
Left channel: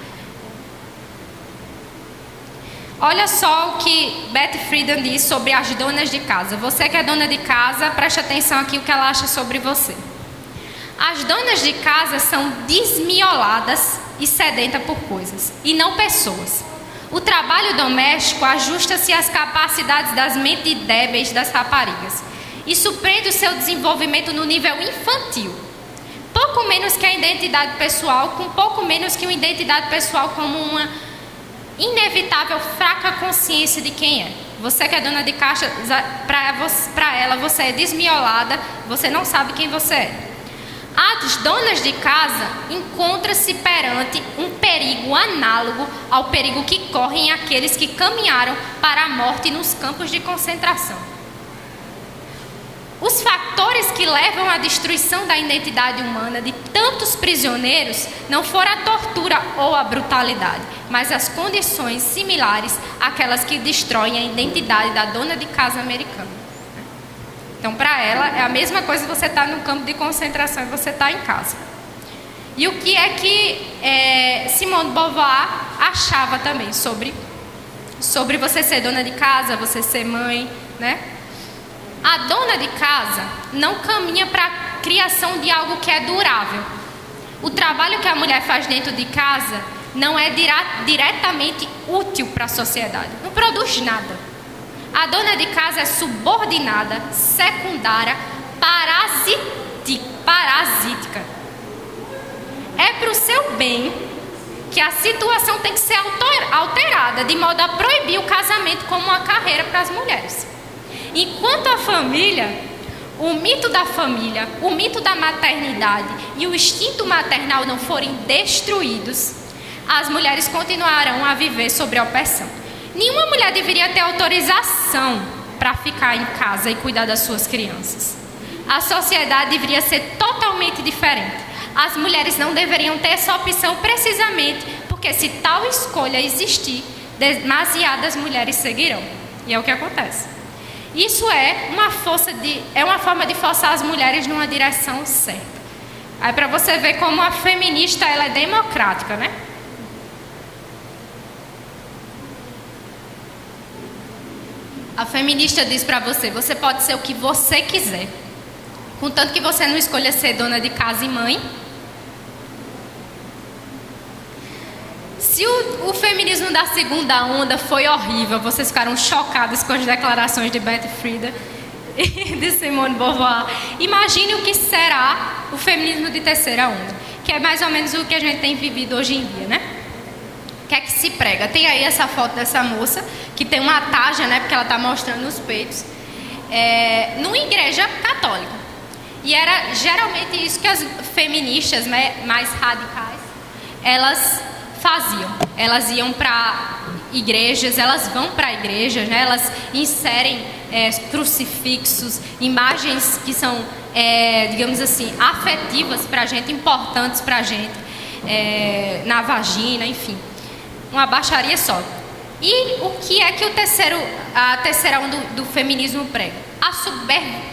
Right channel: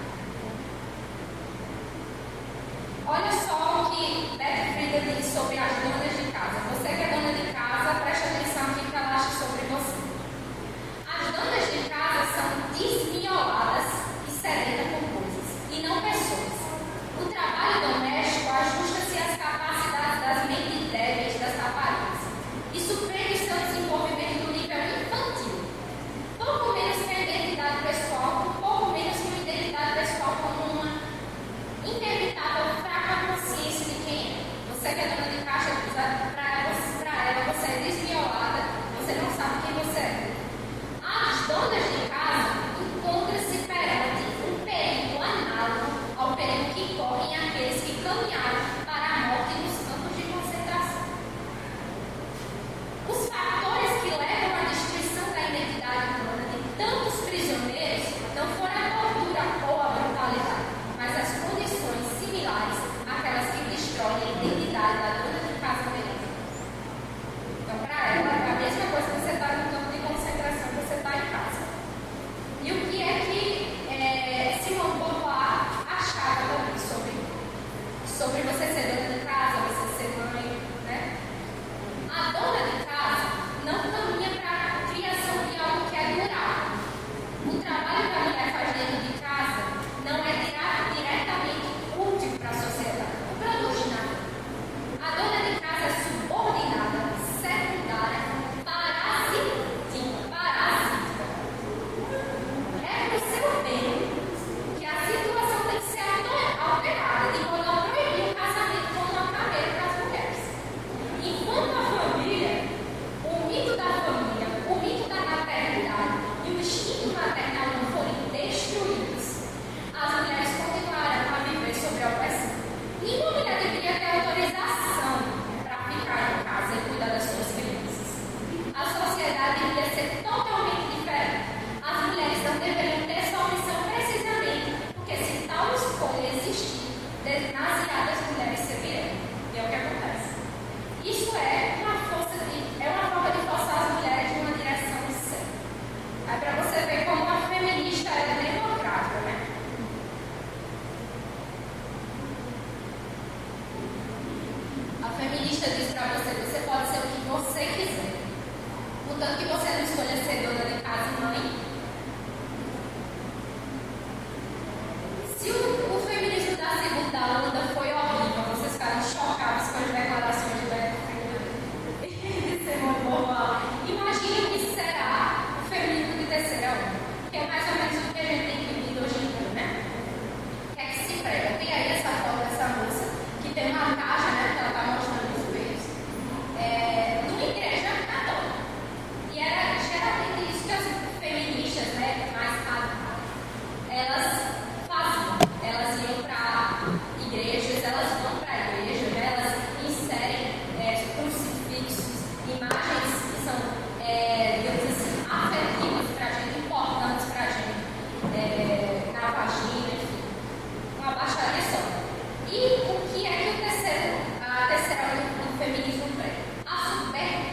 Olha só o que Beth Friedan diz sobre as donas de casa. Você que é dona de casa, preste atenção aqui o que ela acha sobre você. As donas de casa são desmioladas e sedentas por coisas, e não pessoas. O trabalho doméstico ajusta-se às capacidades das mentes débeis das raparigas e surpreende o seu desenvolvimento no nível infantil. Pouco menos que a identidade pessoal, com pouco menos que uma identidade pessoal como uma inevitável fraca consciência de quem é. Você que é dona de casa, para ela você é desmiolada, você não sabe quem você é. As donas de casa encontram-se perante um perigo análogo ao perigo que correm aqueles que caminharam para a morte nos campos de concentração. Os fatores que levam à destruição da identidade humana de tantos prisioneiros não foram a tortura ou a brutalidade, mas as condições similares àquelas que destroem a identidade da dona de casa americana. Então, para ela, é a mesma coisa que você estar no campo de concentração e você estar em casa. E o que é que Simone de Beauvoir achava também sobre você ser dona de casa, você ser mãe, né? A dona de casa não caminha para a criação de algo que é durável. O trabalho que a mulher faz dentro de casa não é diretamente útil para a sociedade, não produz nada. A dona de casa é subordinada, secundária, parasítica. É para o seu bem que a situação tem que ser alterada, de modo a proibir o casamento como uma carreira para as mulheres. Enquanto a família, o mito da família, o mito da maternidade e o instinto maternal não forem destruídos, as mulheres continuarão a viver sob opressão. Nenhuma mulher deveria ter autorização para ficar em casa e cuidar das suas crianças. A sociedade deveria ser totalmente diferente. As mulheres não deveriam ter essa opção precisamente porque, se tal escolha existir, demasiadas mulheres seguirão. E é o que acontece. Isso é uma forma de forçar as mulheres numa direção certa. Aí, para você ver como a feminista ela é democrática, né? A feminista diz para você: você pode ser o que você quiser, contanto que você não escolha ser dona de casa e mãe. Se o feminismo da segunda onda foi horrível, vocês ficaram chocados com as declarações de Betty Friedan e de Simone de Beauvoir, imagine o que será o feminismo de terceira onda, que é mais ou menos o que a gente tem vivido hoje em dia, né? O que é que se prega? Tem aí essa foto dessa moça que tem uma taja, né, porque ela está mostrando os peitos, numa igreja católica. E era geralmente isso que as feministas, né, mais radicais, elas faziam. Elas iam para igrejas, elas vão para igrejas, né, elas inserem crucifixos, imagens que são, digamos assim, afetivas para a gente, importantes para a gente, na vagina, enfim. Uma baixaria só. E o que é que a terceira onda do feminismo prega? A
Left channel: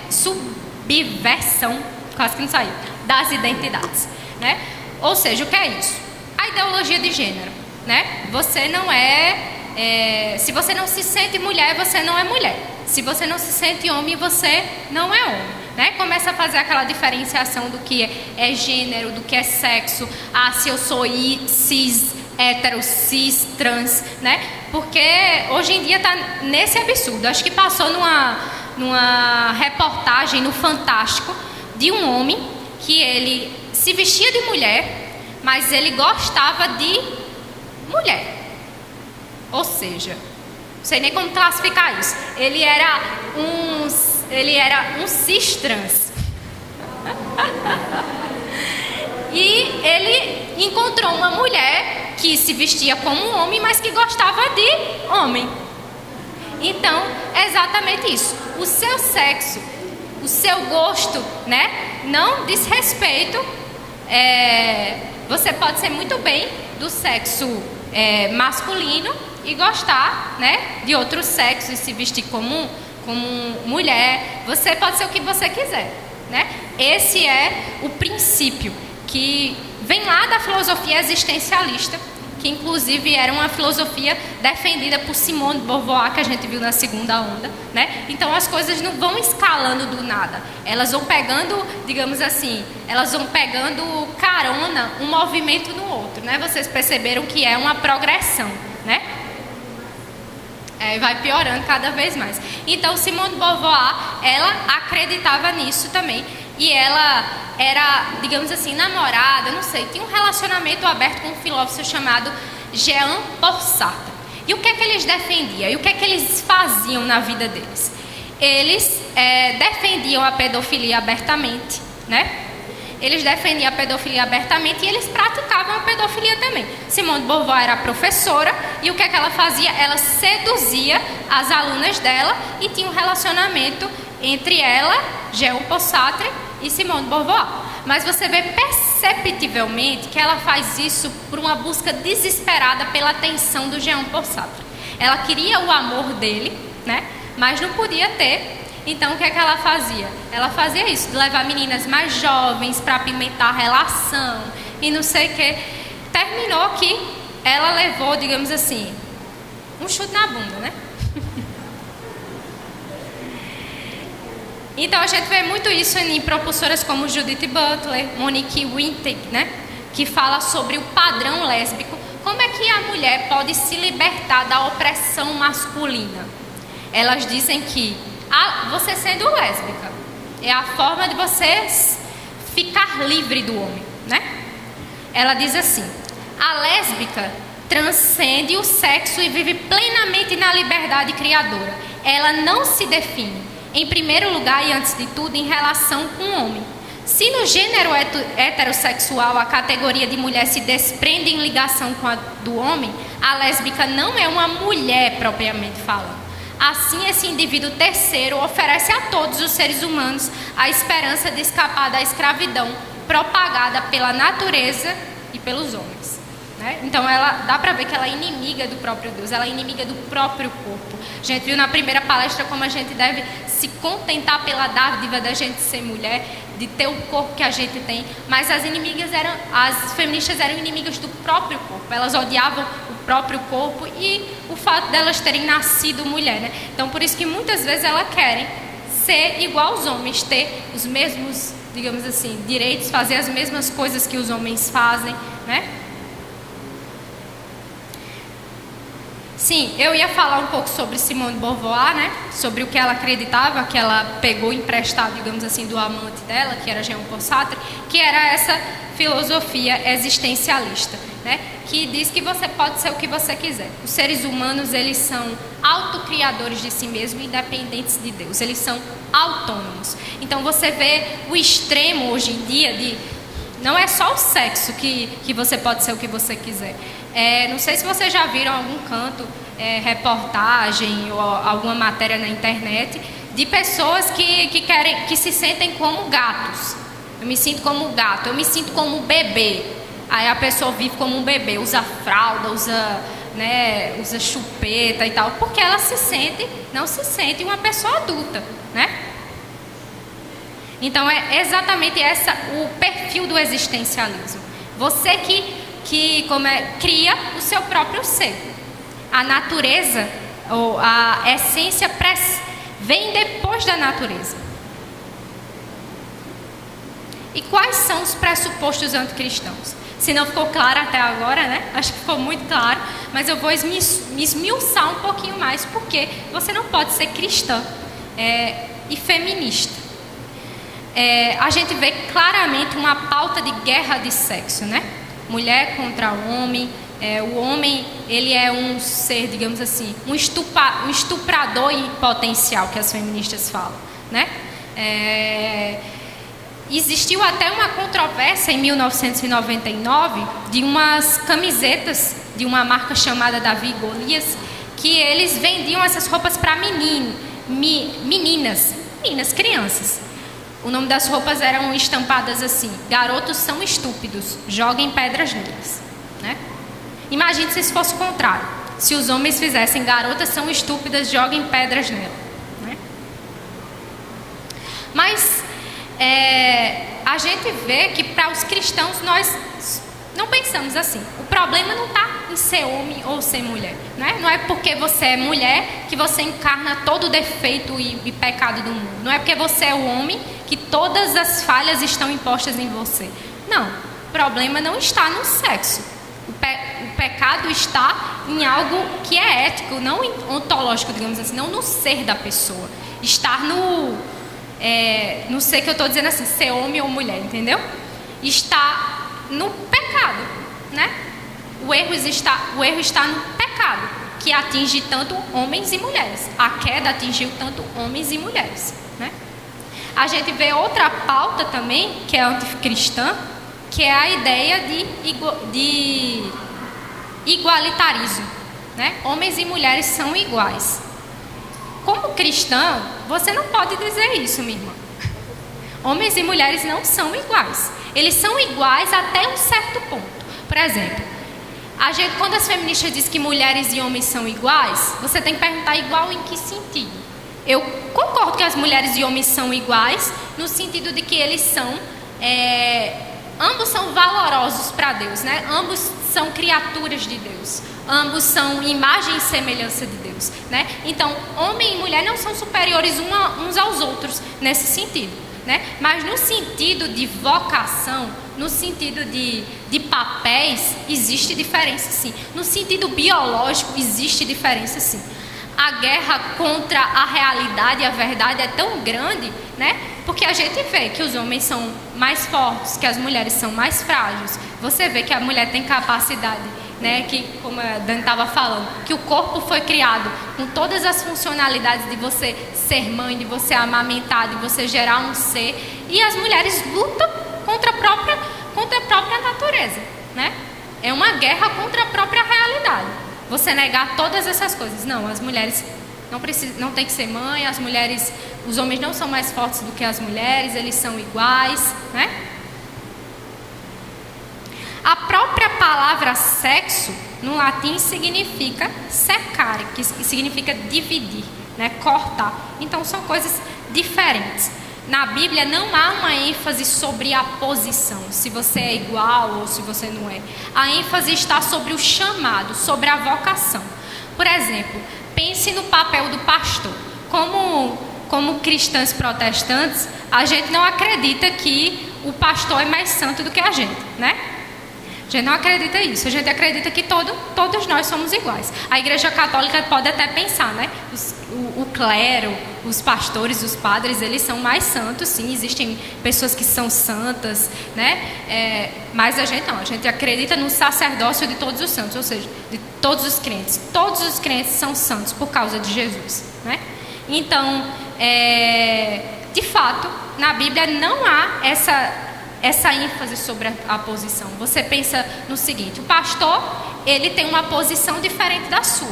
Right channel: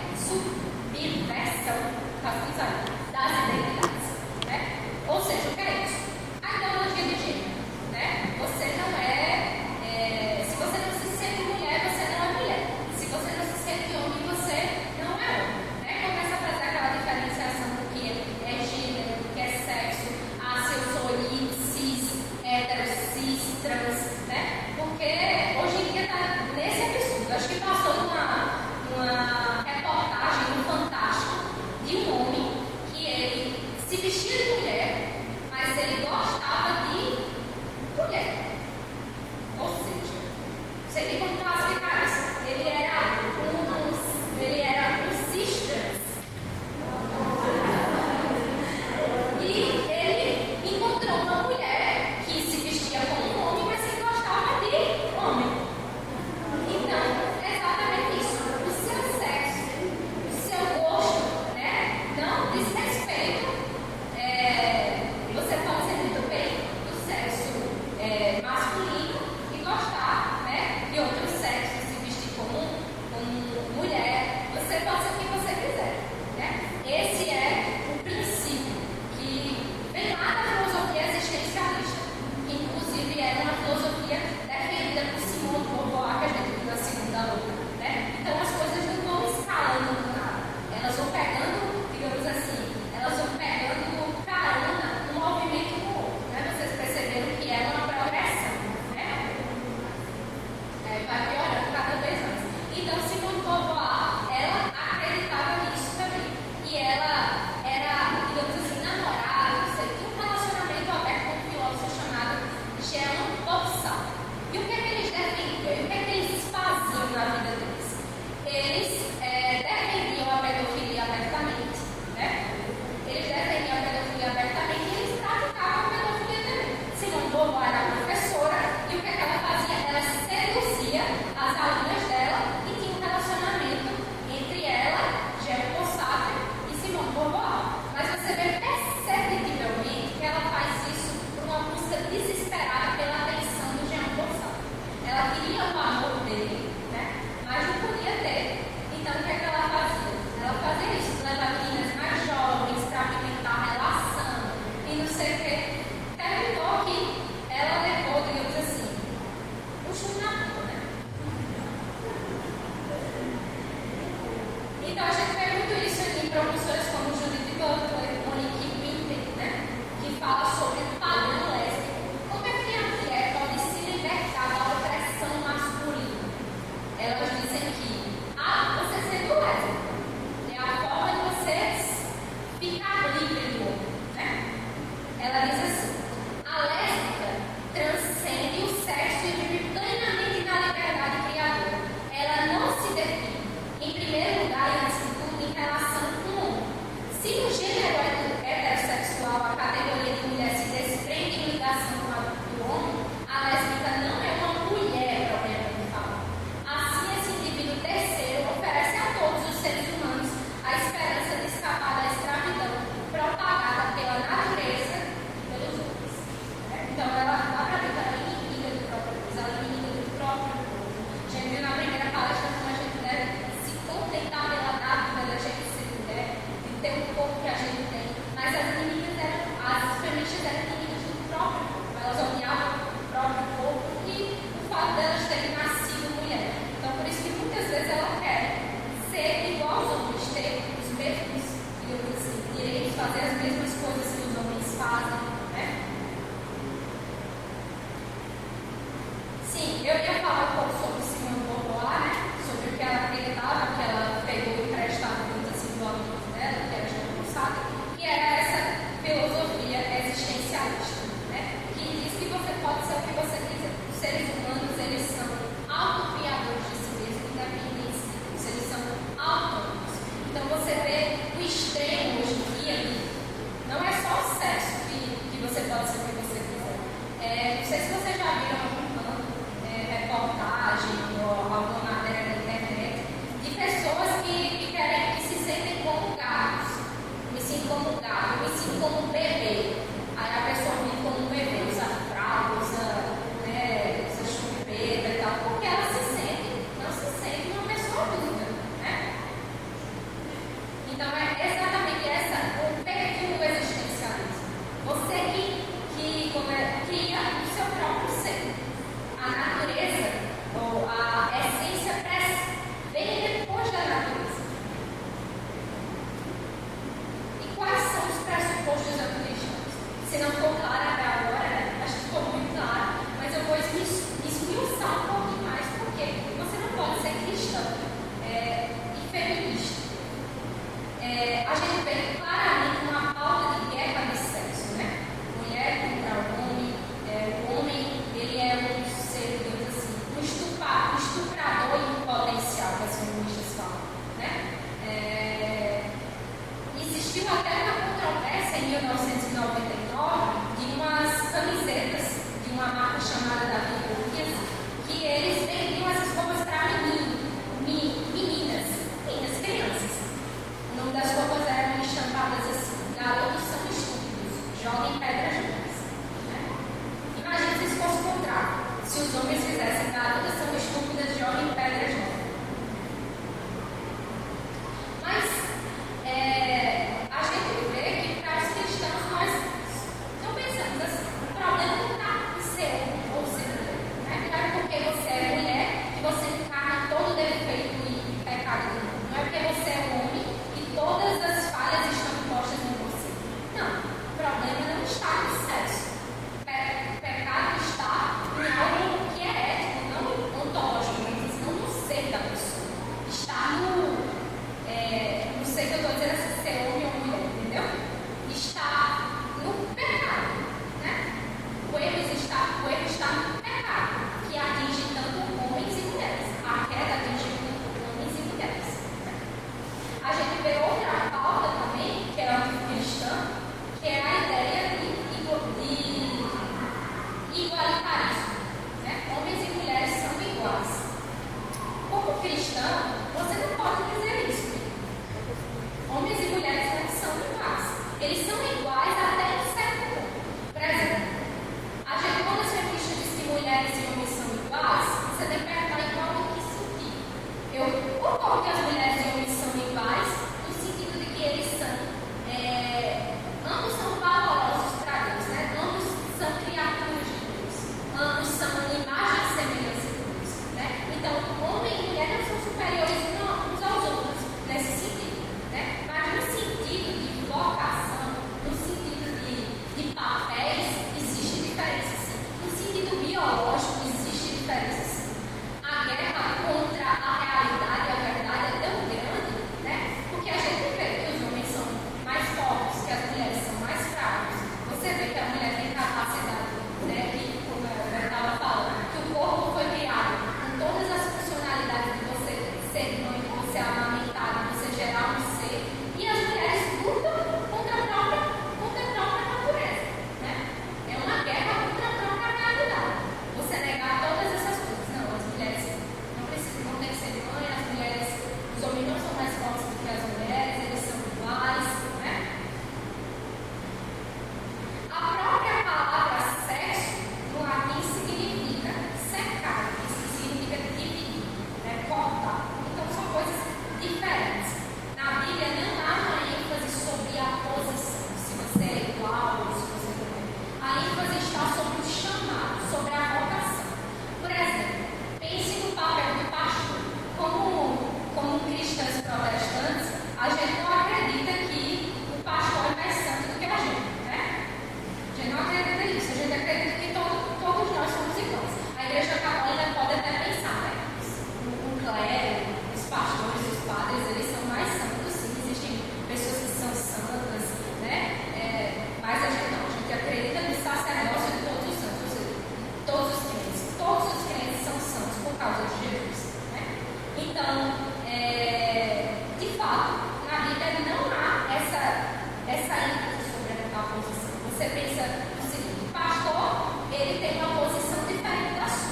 subversão, quase que não saiu, das identidades, né? Ou seja, o que é isso? A ideologia de gênero, né? Você não se você não se sente mulher, você não é mulher. Se você não se sente homem, você não é homem, né? Começa a fazer aquela diferenciação do que é gênero, do que é sexo. Ah, se eu sou cis, hétero, cis, trans, né? Porque hoje em dia está nesse absurdo. Acho que passou numa reportagem no Fantástico de um homem que ele se vestia de mulher, mas ele gostava de mulher. Ou seja, não sei nem como classificar isso. Ele era um cis trans. E ele encontrou uma mulher que se vestia como um homem, mas que gostava de homem. Então, é exatamente isso. O seu sexo, o seu gosto, né, não diz respeito. Você pode ser muito bem do sexo masculino e gostar, né, de outro sexo e se vestir como mulher. Você pode ser o que você quiser, né? Esse é o princípio que vem lá da filosofia existencialista, que inclusive era uma filosofia defendida por Simone de Beauvoir, que a gente viu na segunda onda, né? Então as coisas não vão escalando do nada, elas vão pegando, digamos assim, elas vão pegando carona um movimento no outro, né? Vocês perceberam que é uma progressão, né? Vai piorando cada vez mais. Então Simone de Beauvoir, ela acreditava nisso também. E ela era, digamos assim, namorada, não sei, tinha um relacionamento aberto com um filósofo chamado Jean Paul Sartre. E o que é que eles defendiam? E o que é que eles faziam na vida deles? Eles defendiam a pedofilia abertamente, né? Eles defendiam a pedofilia abertamente e eles praticavam a pedofilia também. Simone de Beauvoir era professora e o que é que ela fazia? Ela seduzia as alunas dela e tinha um relacionamento entre ela, Jean Paul Sartre, e Simone de Beauvoir. Mas você vê perceptivelmente que ela faz isso por uma busca desesperada pela atenção do Jean Paul Sartre. Ela queria o amor dele, né? Mas não podia ter. Então o que é que ela fazia? Ela fazia isso, de levar meninas mais jovens para apimentar a relação e não sei o que. Terminou que ela levou, digamos assim, um chute na bunda, né? Então a gente vê muito isso em propulsoras como Judith Butler, Monique Wittig, né? Que fala sobre o padrão lésbico. Como é que a mulher pode se libertar da opressão masculina? Elas dizem que você sendo lésbica é a forma de você ficar livre do homem, né? Ela diz assim: a lésbica transcende o sexo e vive plenamente na liberdade criadora. Ela não se define, em primeiro lugar e antes de tudo, em relação com o homem. Se no gênero heterossexual a categoria de mulher se desprende em ligação com a do homem, a lésbica não é uma mulher propriamente falando. Assim, esse indivíduo terceiro oferece a todos os seres humanos a esperança de escapar da escravidão propagada pela natureza e pelos homens, né? Então, dá para ver que ela é inimiga do próprio Deus, ela é inimiga do próprio corpo. A gente viu na primeira palestra como a gente deve se contentar pela dádiva da gente ser mulher, de ter o corpo que a gente tem, mas as feministas eram inimigas do próprio corpo, elas odiavam o próprio corpo e o fato delas terem nascido mulher, né? Então, por isso que muitas vezes elas querem ser igual aos homens, ter os mesmos, digamos assim, direitos, fazer as mesmas coisas que os homens fazem, né? Sim, eu ia falar um pouco sobre Simone de Beauvoir, né? Sobre o que ela acreditava, que ela pegou emprestado, digamos assim, do amante dela, que era Jean-Paul Sartre, que era essa filosofia existencialista, né? Que diz que você pode ser o que você quiser. Os seres humanos, eles são autocriadores de si mesmos, independentes de Deus. Eles são autônomos. Então, você vê o extremo hoje em dia de... Não é só o sexo que você pode ser o que você quiser. Não sei se vocês já viram algum canto, reportagem ou alguma matéria na internet de pessoas que se sentem como gatos. Eu me sinto como um gato, eu me sinto como um bebê. Aí a pessoa vive como um bebê, usa fralda, usa chupeta e tal, porque ela não se sente uma pessoa adulta, né? Então é exatamente o perfil do existencialismo. Você que cria o seu próprio ser. A natureza, ou a essência, vem depois da natureza. E quais são os pressupostos anticristãos? Se não ficou claro até agora, né? Acho que ficou muito claro, mas eu vou esmiuçar um pouquinho mais, porque você não pode ser cristã e feminista. A gente vê claramente uma pauta de guerra de sexo, né? Mulher contra o homem. O homem, ele é um ser, digamos assim, um estuprador em potencial, que as feministas falam, né? Existiu até uma controvérsia em 1999 de umas camisetas de uma marca chamada Davi e Golias, que eles vendiam essas roupas para meninas, crianças. O nome das roupas eram estampadas assim: garotos são estúpidos, joguem pedras neles, né? Imagine se isso fosse o contrário, se os homens fizessem garotas são estúpidas, joguem pedras nelas, né? Mas a gente vê que para os cristãos nós não pensamos assim. O problema não está em ser homem ou ser mulher, né? Não é porque você é mulher que você encarna todo o defeito e pecado do mundo. Não é porque você é o homem que todas as falhas estão impostas em você. Não, o problema não está no sexo. O pecado está em algo que é ético, não ontológico, digamos assim, não no ser da pessoa. Está no ser que eu estou dizendo assim, ser homem ou mulher, entendeu? Está no pecado, né? O erro está no pecado, que atinge tanto homens e mulheres. A queda atingiu tanto homens e mulheres, né? A gente vê outra pauta também, que é anticristã, que é a ideia de igualitarismo, né? Homens e mulheres são iguais. Como cristão, você não pode dizer isso, minha irmã. Homens e mulheres não são iguais. Eles são iguais até um certo ponto. Por exemplo, quando as feministas dizem que mulheres e homens são iguais, você tem que perguntar igual em que sentido? Eu concordo que as mulheres e homens são iguais, no sentido de que eles são... ambos são valorosos para Deus, né? Ambos são criaturas de Deus. Ambos são imagem e semelhança de Deus, né? Então, homem e mulher não são superiores uns aos outros nesse sentido, né? Mas no sentido de vocação, no sentido de papéis, existe diferença sim. No sentido biológico, existe diferença sim. A guerra contra a realidade e a verdade é tão grande, né? Porque a gente vê que os homens são mais fortes, que as mulheres são mais frágeis. Você vê que a mulher tem capacidade, né? Que, como a Dan estava falando, que o corpo foi criado com todas as funcionalidades de você ser mãe, de você amamentar, de você gerar um ser. E as mulheres lutam contra a própria natureza, né? É uma guerra contra a própria realidade. Você negar todas essas coisas. Não, as mulheres não tem que ser mãe, os homens não são mais fortes do que as mulheres, eles são iguais, né? A própria palavra sexo, no latim, significa secare, que significa dividir, né? Cortar. Então, são coisas diferentes. Na Bíblia não há uma ênfase sobre a posição, se você é igual ou se você não é. A ênfase está sobre o chamado, sobre a vocação. Por exemplo, pense no papel do pastor. Como cristãos protestantes, a gente não acredita que o pastor é mais santo do que a gente, né? A gente não acredita nisso, a gente acredita que todos nós somos iguais. A Igreja Católica pode até pensar, né? O clero, os pastores, os padres, eles são mais santos, sim, existem pessoas que são santas, né? Mas a gente acredita no sacerdócio de todos os santos, ou seja, de todos os crentes. Todos os crentes são santos por causa de Jesus, né? Então, de fato, na Bíblia não há essa ênfase sobre a posição. Você pensa no seguinte: o pastor, ele tem uma posição diferente da sua,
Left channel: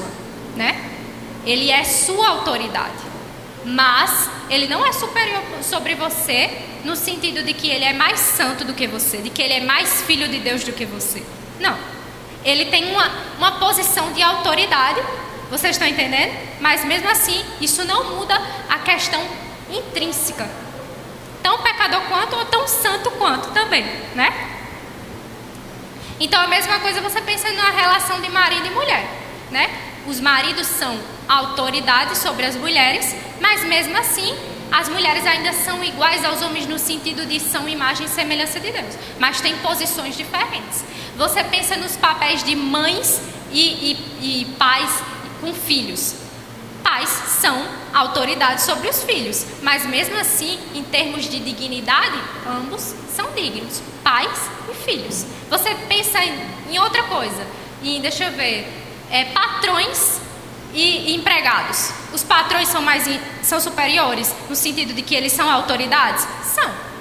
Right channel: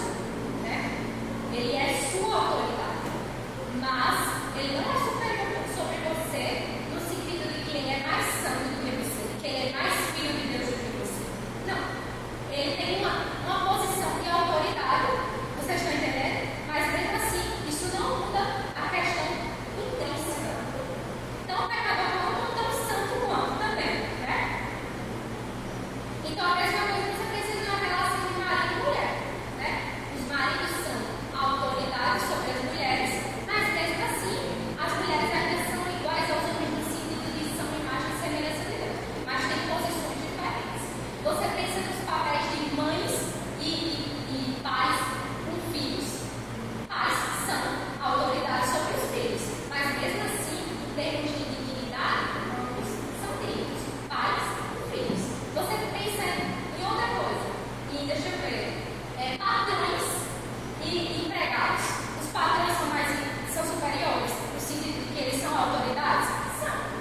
né? Ele é sua autoridade, mas ele não é superior sobre você no sentido de que ele é mais santo do que você, de que ele é mais filho de Deus do que você. Não. Ele tem uma posição de autoridade, vocês estão entendendo? Mas mesmo assim, isso não muda a questão intrínseca. Tão pecador quanto ou tão santo quanto também, né? Então a mesma coisa você pensa na relação de marido e mulher, né? Os maridos são autoridade sobre as mulheres, mas mesmo assim as mulheres ainda são iguais aos homens no sentido de são imagem e semelhança de Deus, mas têm posições diferentes. Você pensa nos papéis de mães e pais com filhos. Pais são autoridade sobre os filhos, mas mesmo assim, em termos de dignidade, ambos são dignos, pais e filhos. Você pensa em outra coisa, e deixa eu ver, patrões e empregados. Os patrões são superiores no sentido de que eles são autoridades?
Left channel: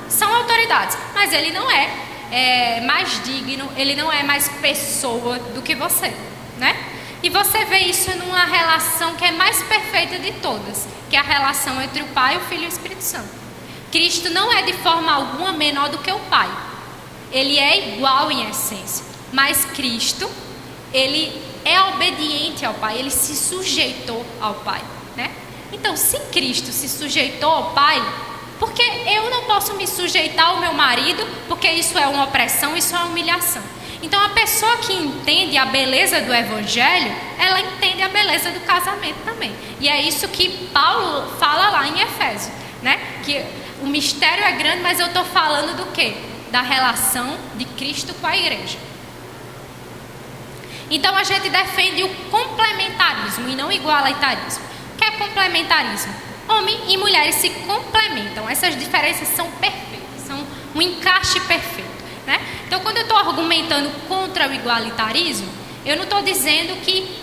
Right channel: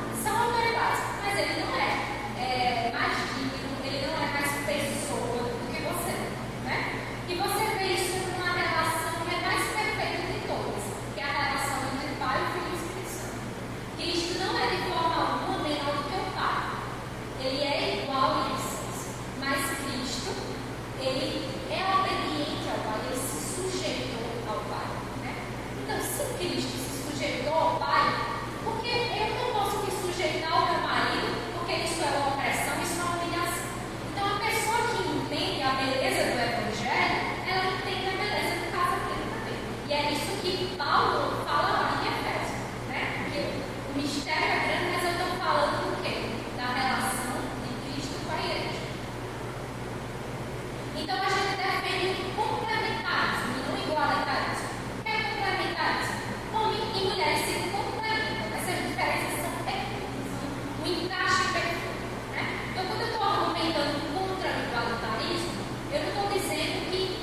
São autoridades, mas ele não é mais digno, ele não é mais pessoa do que você, né? E você vê isso numa relação que é mais perfeita de todas, que é a relação entre o Pai, o Filho e o Espírito Santo. Cristo não é de forma alguma menor do que o Pai. Ele é igual em essência, mas Cristo, ele é obediente ao Pai, ele se sujeitou ao Pai, né? Então, se Cristo se sujeitou ao Pai, por que eu não posso me sujeitar ao meu marido? Porque isso é uma opressão, isso é uma humilhação. Então, a pessoa que entende a beleza do Evangelho, ela entende a beleza do casamento também. E é isso que Paulo fala lá em Efésios, né? Que o mistério é grande, mas eu estou falando do quê? Da relação de Cristo com a igreja. Então, a gente defende o complementarismo e não o igualitarismo. O que é complementarismo? Homem e mulheres se complementam. Essas diferenças são perfeitas, são um encaixe perfeito, né? Então, quando eu estou argumentando contra o igualitarismo, eu não estou dizendo que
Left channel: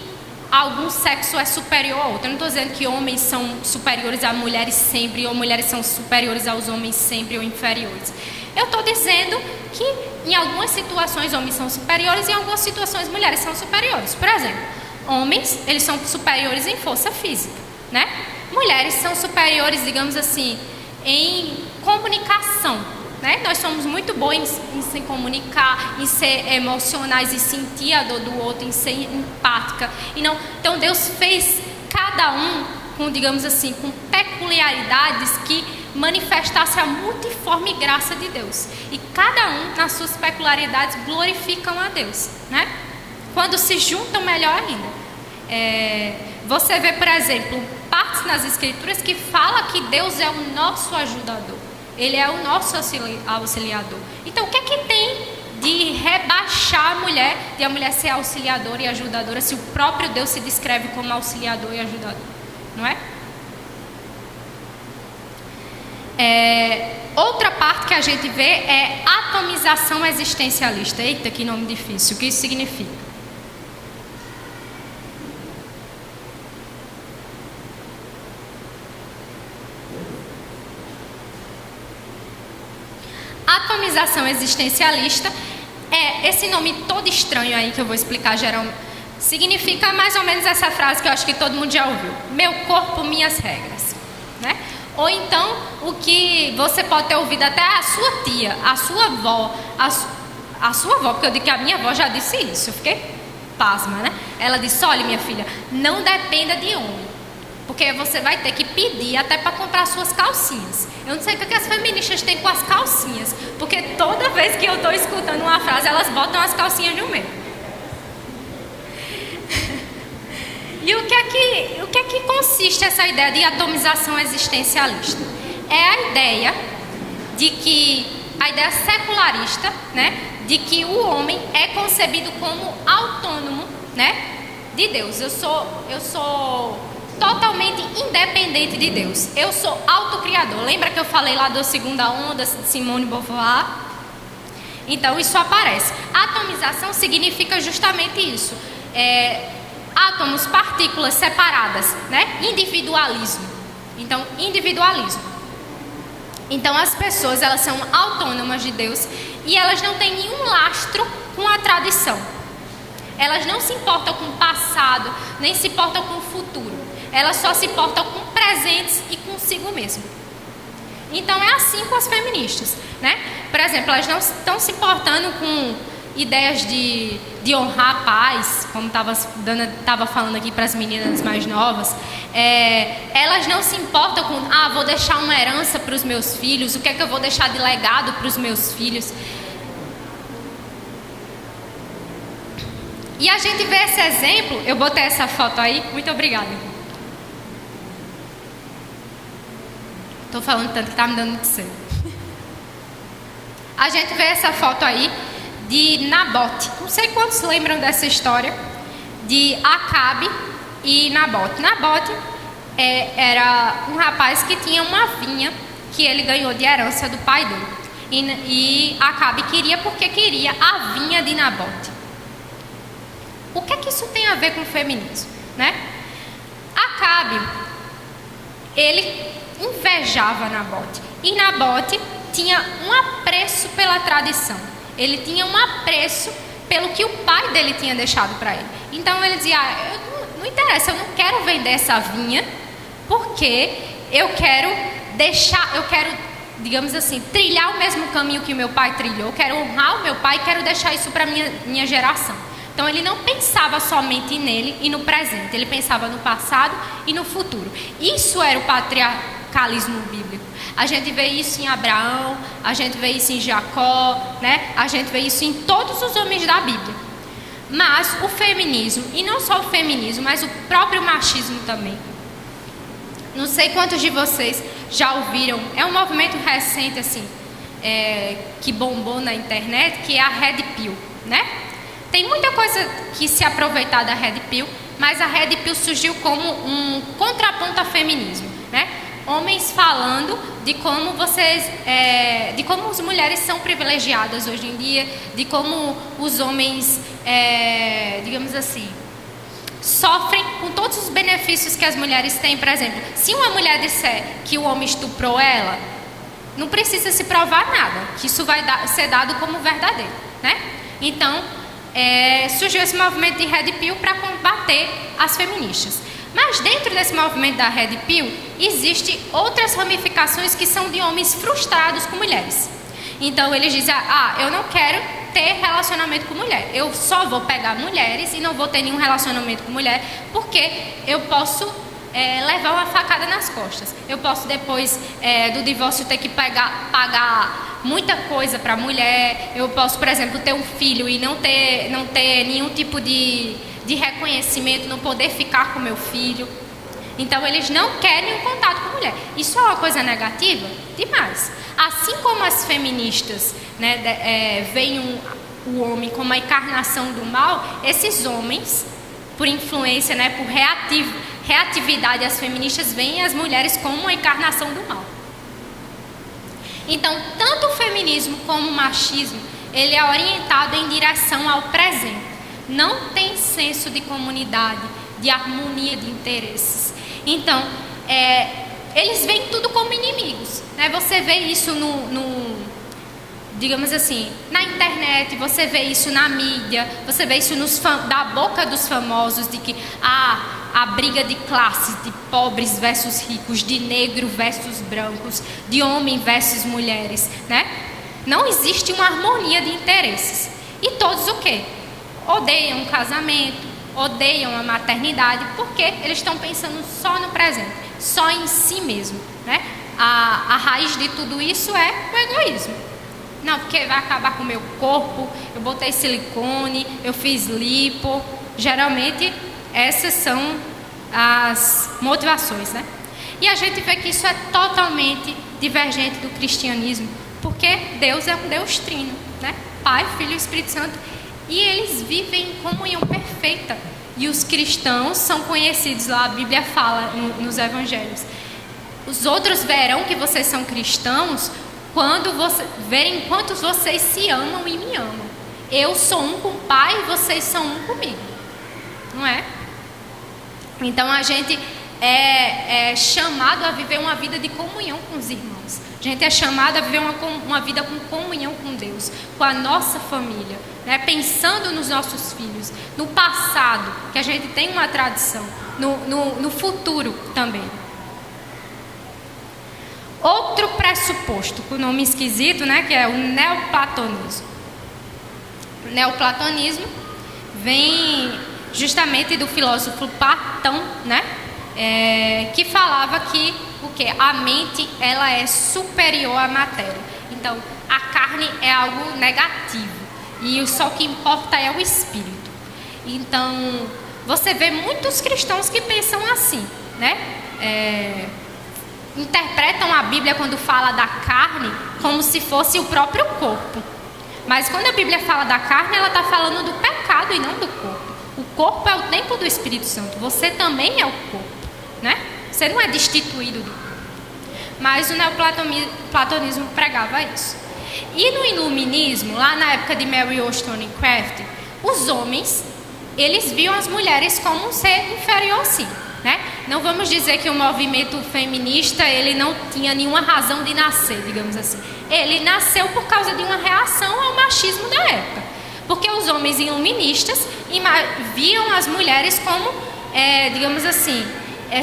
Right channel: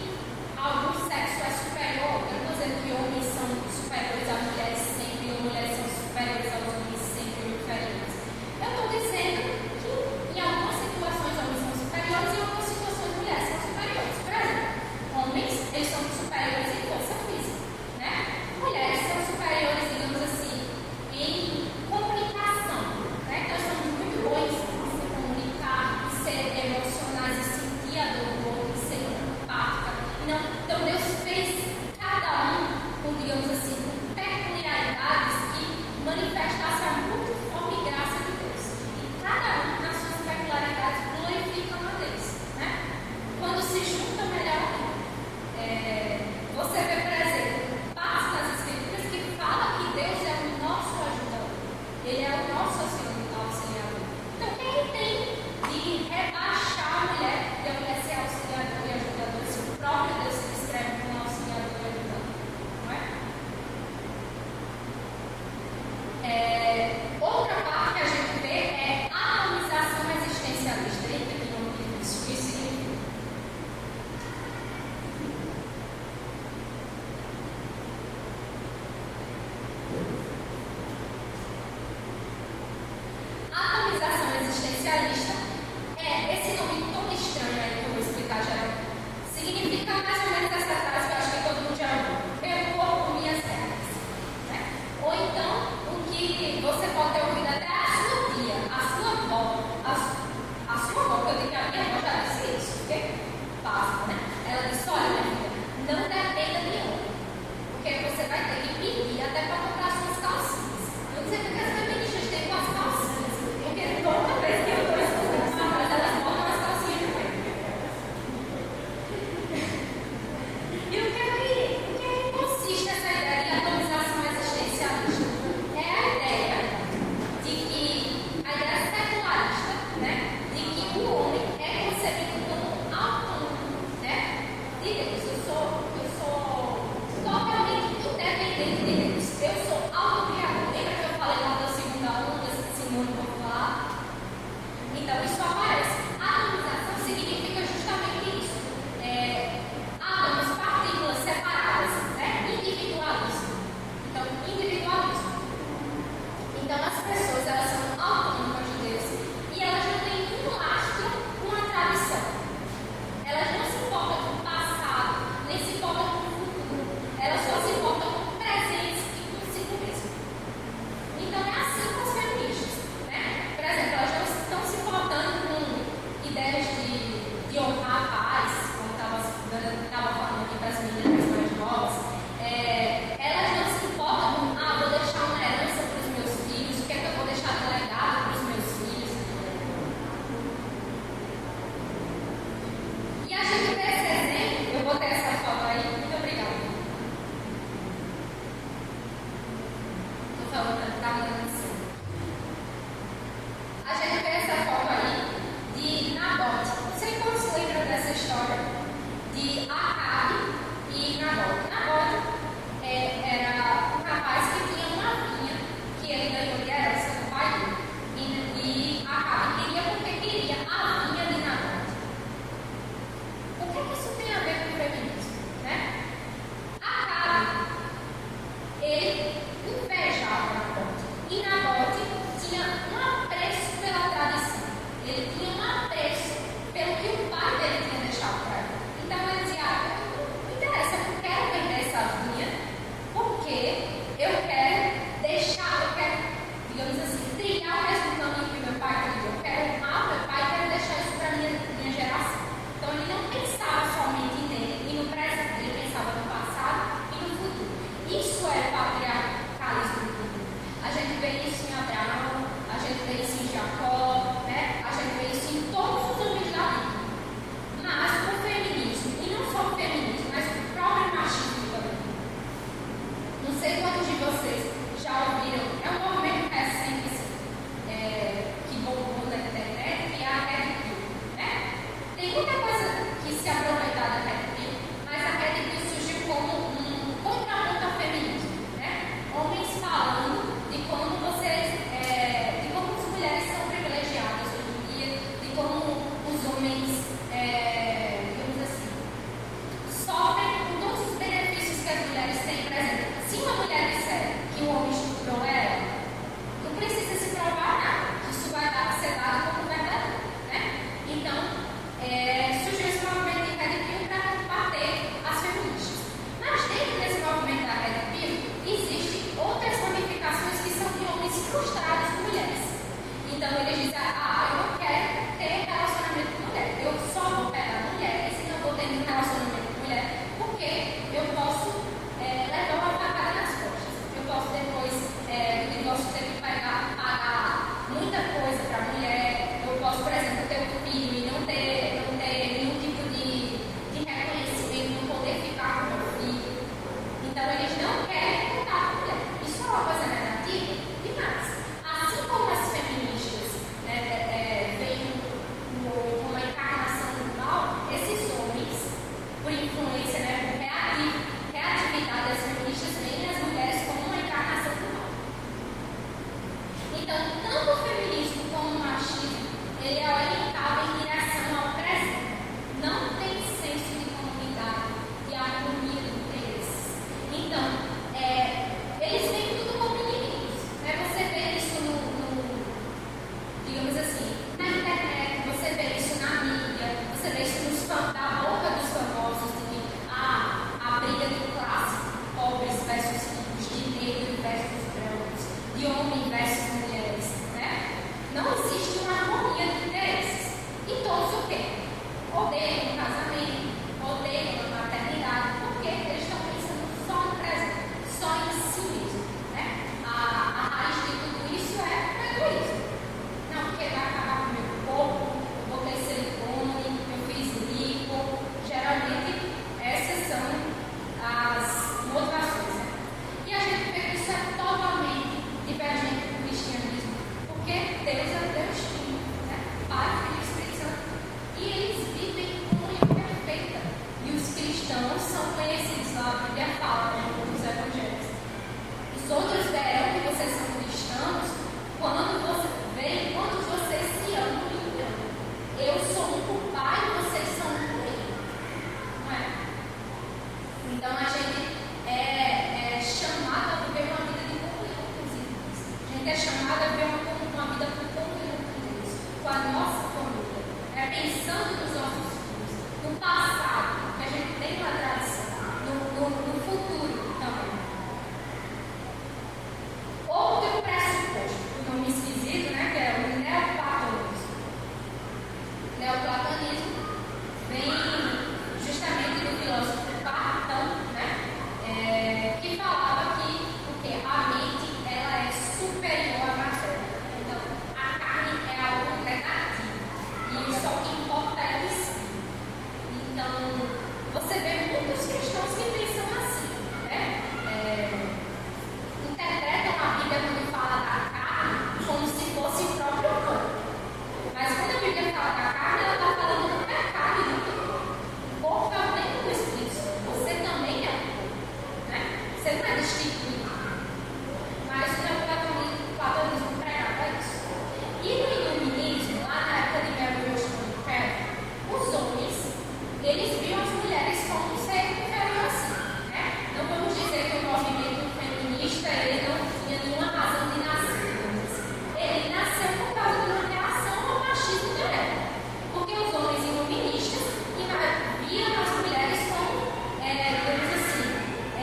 algum sexo é superior ao outro. Eu não estou dizendo que homens são superiores a mulheres sempre, ou mulheres são superiores aos homens sempre, ou inferiores. Eu estou dizendo que em algumas situações homens são superiores e em algumas situações mulheres são superiores. Por exemplo, homens, eles são superiores em força física, né? Mulheres são superiores, digamos assim, em comunicação, né? Nós somos muito bons em se comunicar, em ser emocionais, em sentir a dor do outro, em ser empática. Então Deus fez cada um com, digamos assim, com peculiaridades que manifestassem a multiforme graça de Deus. E cada um, nas suas peculiaridades, glorificam a Deus, né? Quando se juntam, melhor ainda. Você vê, por exemplo, partes nas Escrituras que fala que Deus é o nosso ajudador. Ele é o nosso auxiliador. Então, o que é que tem de rebaixar a mulher, de a mulher ser auxiliadora e ajudadora, se o próprio Deus se descreve como auxiliador e ajudador? não é? Outra parte que a gente vê é atomização existencialista. Eita, que nome difícil. O que isso significa? Atomização existencialista é esse nome todo estranho aí que eu vou explicar geral. Significa mais ou menos essa frase que eu acho que todo mundo já ouviu: meu corpo, minhas regras, né? Ou então o que você pode ter ouvido até a sua tia, a sua avó, a sua avó, porque eu digo que a minha avó já disse isso, eu fiquei pasma, né? Ela disse: olha, minha filha, não dependa de homem, porque você vai ter que pedir até para comprar suas calcinhas. Eu não sei o que as feministas têm com as calcinhas, porque toda vez que eu estou escutando uma frase, elas botam as calcinhas no meio. E o que é que consiste essa ideia de atomização existencialista? É a ideia de que, a ideia secularista, né, de que o homem é concebido como autônomo, né, de Deus. Eu sou totalmente independente de Deus. Eu sou autocriador. Lembra que eu falei lá da segunda onda, Simone de Beauvoir? Então isso aparece. Atomização significa justamente isso. Átomos, partículas separadas, né? Individualismo. Então, individualismo. Então, as pessoas, elas são autônomas de Deus e elas não têm nenhum lastro com a tradição. Elas não se importam com o passado, nem se importam com o futuro. Elas só se importam com presentes e consigo mesmo. Então, é assim com as feministas, né? Por exemplo, elas não estão se importando com ideias de honrar a paz, como estava falando aqui para as meninas mais novas. Elas não se importam com, vou deixar uma herança para os meus filhos, o que é que eu vou deixar de legado para os meus filhos. E a gente vê esse exemplo, eu botei essa foto aí, muito obrigada. Estou falando tanto que está me dando de ser. A gente vê essa foto aí de Nabote. Não sei quantos lembram dessa história de Acabe e Nabote. Nabote era um rapaz que tinha uma vinha que ele ganhou de herança do pai dele. E Acabe queria porque queria a vinha de Nabote. O que é que isso tem a ver com o feminismo, né? Acabe, ele invejava Nabote. E Nabote tinha um apreço pela tradição. Ele tinha um apreço pelo que o pai dele tinha deixado para ele. Então ele dizia, não interessa, eu não quero vender essa vinha, porque eu quero digamos assim, trilhar o mesmo caminho que o meu pai trilhou, eu quero honrar o meu pai e quero deixar isso para minha geração. Então ele não pensava somente nele e no presente, ele pensava no passado e no futuro. Isso era o patriarcalismo bíblico. A gente vê isso em Abraão, a gente vê isso em Jacó, né? A gente vê isso em todos os homens da Bíblia. Mas o feminismo, e não só o feminismo, mas o próprio machismo também. Não sei quantos de vocês já ouviram, é um movimento recente assim, que bombou na internet, que é a Red Pill, né? Tem muita coisa que se aproveitar da Red Pill, mas a Red Pill surgiu como um contraponto ao feminismo, né? Homens falando de como de como as mulheres são privilegiadas hoje em dia, de como os homens, digamos assim, sofrem com todos os benefícios que as mulheres têm. Por exemplo, se uma mulher disser que o homem estuprou ela, não precisa se provar nada, que isso vai ser dado como verdadeiro, né? Então, surgiu esse movimento de Red Pill para combater as feministas. Mas dentro desse movimento da Red Pill, existem outras ramificações que são de homens frustrados com mulheres. Então eles dizem, eu não quero ter relacionamento com mulher, eu só vou pegar mulheres e não vou ter nenhum relacionamento com mulher, porque eu posso levar uma facada nas costas. Eu posso depois do divórcio ter que pagar muita coisa para a mulher. Eu posso, por exemplo, ter um filho e não ter nenhum tipo de reconhecimento, não poder ficar com meu filho. Então eles não querem contato com a mulher. Isso é uma coisa negativa? Demais. Assim como as feministas, né, veem o homem como a encarnação do mal, esses homens por influência, né, por reatividade, as feministas veem as mulheres como uma encarnação do mal. Então, tanto o feminismo como o machismo, ele é orientado em direção ao presente. Não tem senso de comunidade, de harmonia de interesses. Então, eles veem tudo como inimigos, né? Você vê isso digamos assim, na internet, você vê isso na mídia, você vê isso da boca dos famosos, de que a briga de classes, de pobres versus ricos, de negro versus brancos, de homem versus mulheres, né? Não existe uma harmonia de interesses. E todos o quê? Odeiam o casamento, odeiam a maternidade, porque eles estão pensando só no presente, só em si mesmo, né? A raiz de tudo isso é o egoísmo. Não, porque vai acabar com o meu corpo, eu botei silicone, eu fiz lipo. Geralmente essas são as motivações, né? E a gente vê que isso é totalmente divergente do cristianismo, porque Deus é um Deus trino, né? Pai, Filho e Espírito Santo, e eles vivem em comunhão perfeita. E os cristãos são conhecidos, lá a Bíblia fala nos evangelhos. Os outros verão que vocês são cristãos quando verem quantos vocês se amam e me amam. Eu sou um com o Pai e vocês são um comigo. Não é? Então a gente é chamado a viver uma vida de comunhão com os irmãos. A gente é chamado a viver uma vida com comunhão com Deus, com a nossa família, né? Pensando nos nossos filhos, no passado, que a gente tem uma tradição, no futuro também. Outro pressuposto, com o nome esquisito, né, que é o neoplatonismo. O neoplatonismo vem justamente do filósofo Platão, né, que falava que a mente ela é superior à matéria. Então, a carne é algo negativo e só o que importa é o espírito. Então, você vê muitos cristãos que pensam assim, né? Interpretam a Bíblia quando fala da carne como se fosse o próprio corpo. Mas quando a Bíblia fala da carne, ela está falando do pecado e não do corpo. O corpo é o templo do Espírito Santo. Você também é o corpo, né? Você não é destituído. Mas o neoplatonismo pregava isso. E no iluminismo, lá na época de Mary Wollstonecraft, os homens, eles viam as mulheres como um ser inferior a si, né? Não vamos dizer que o movimento feminista ele não tinha nenhuma razão de nascer, digamos assim. Ele nasceu por causa de uma reação ao machismo da época. Porque os homens iluministas viam as mulheres como, digamos assim,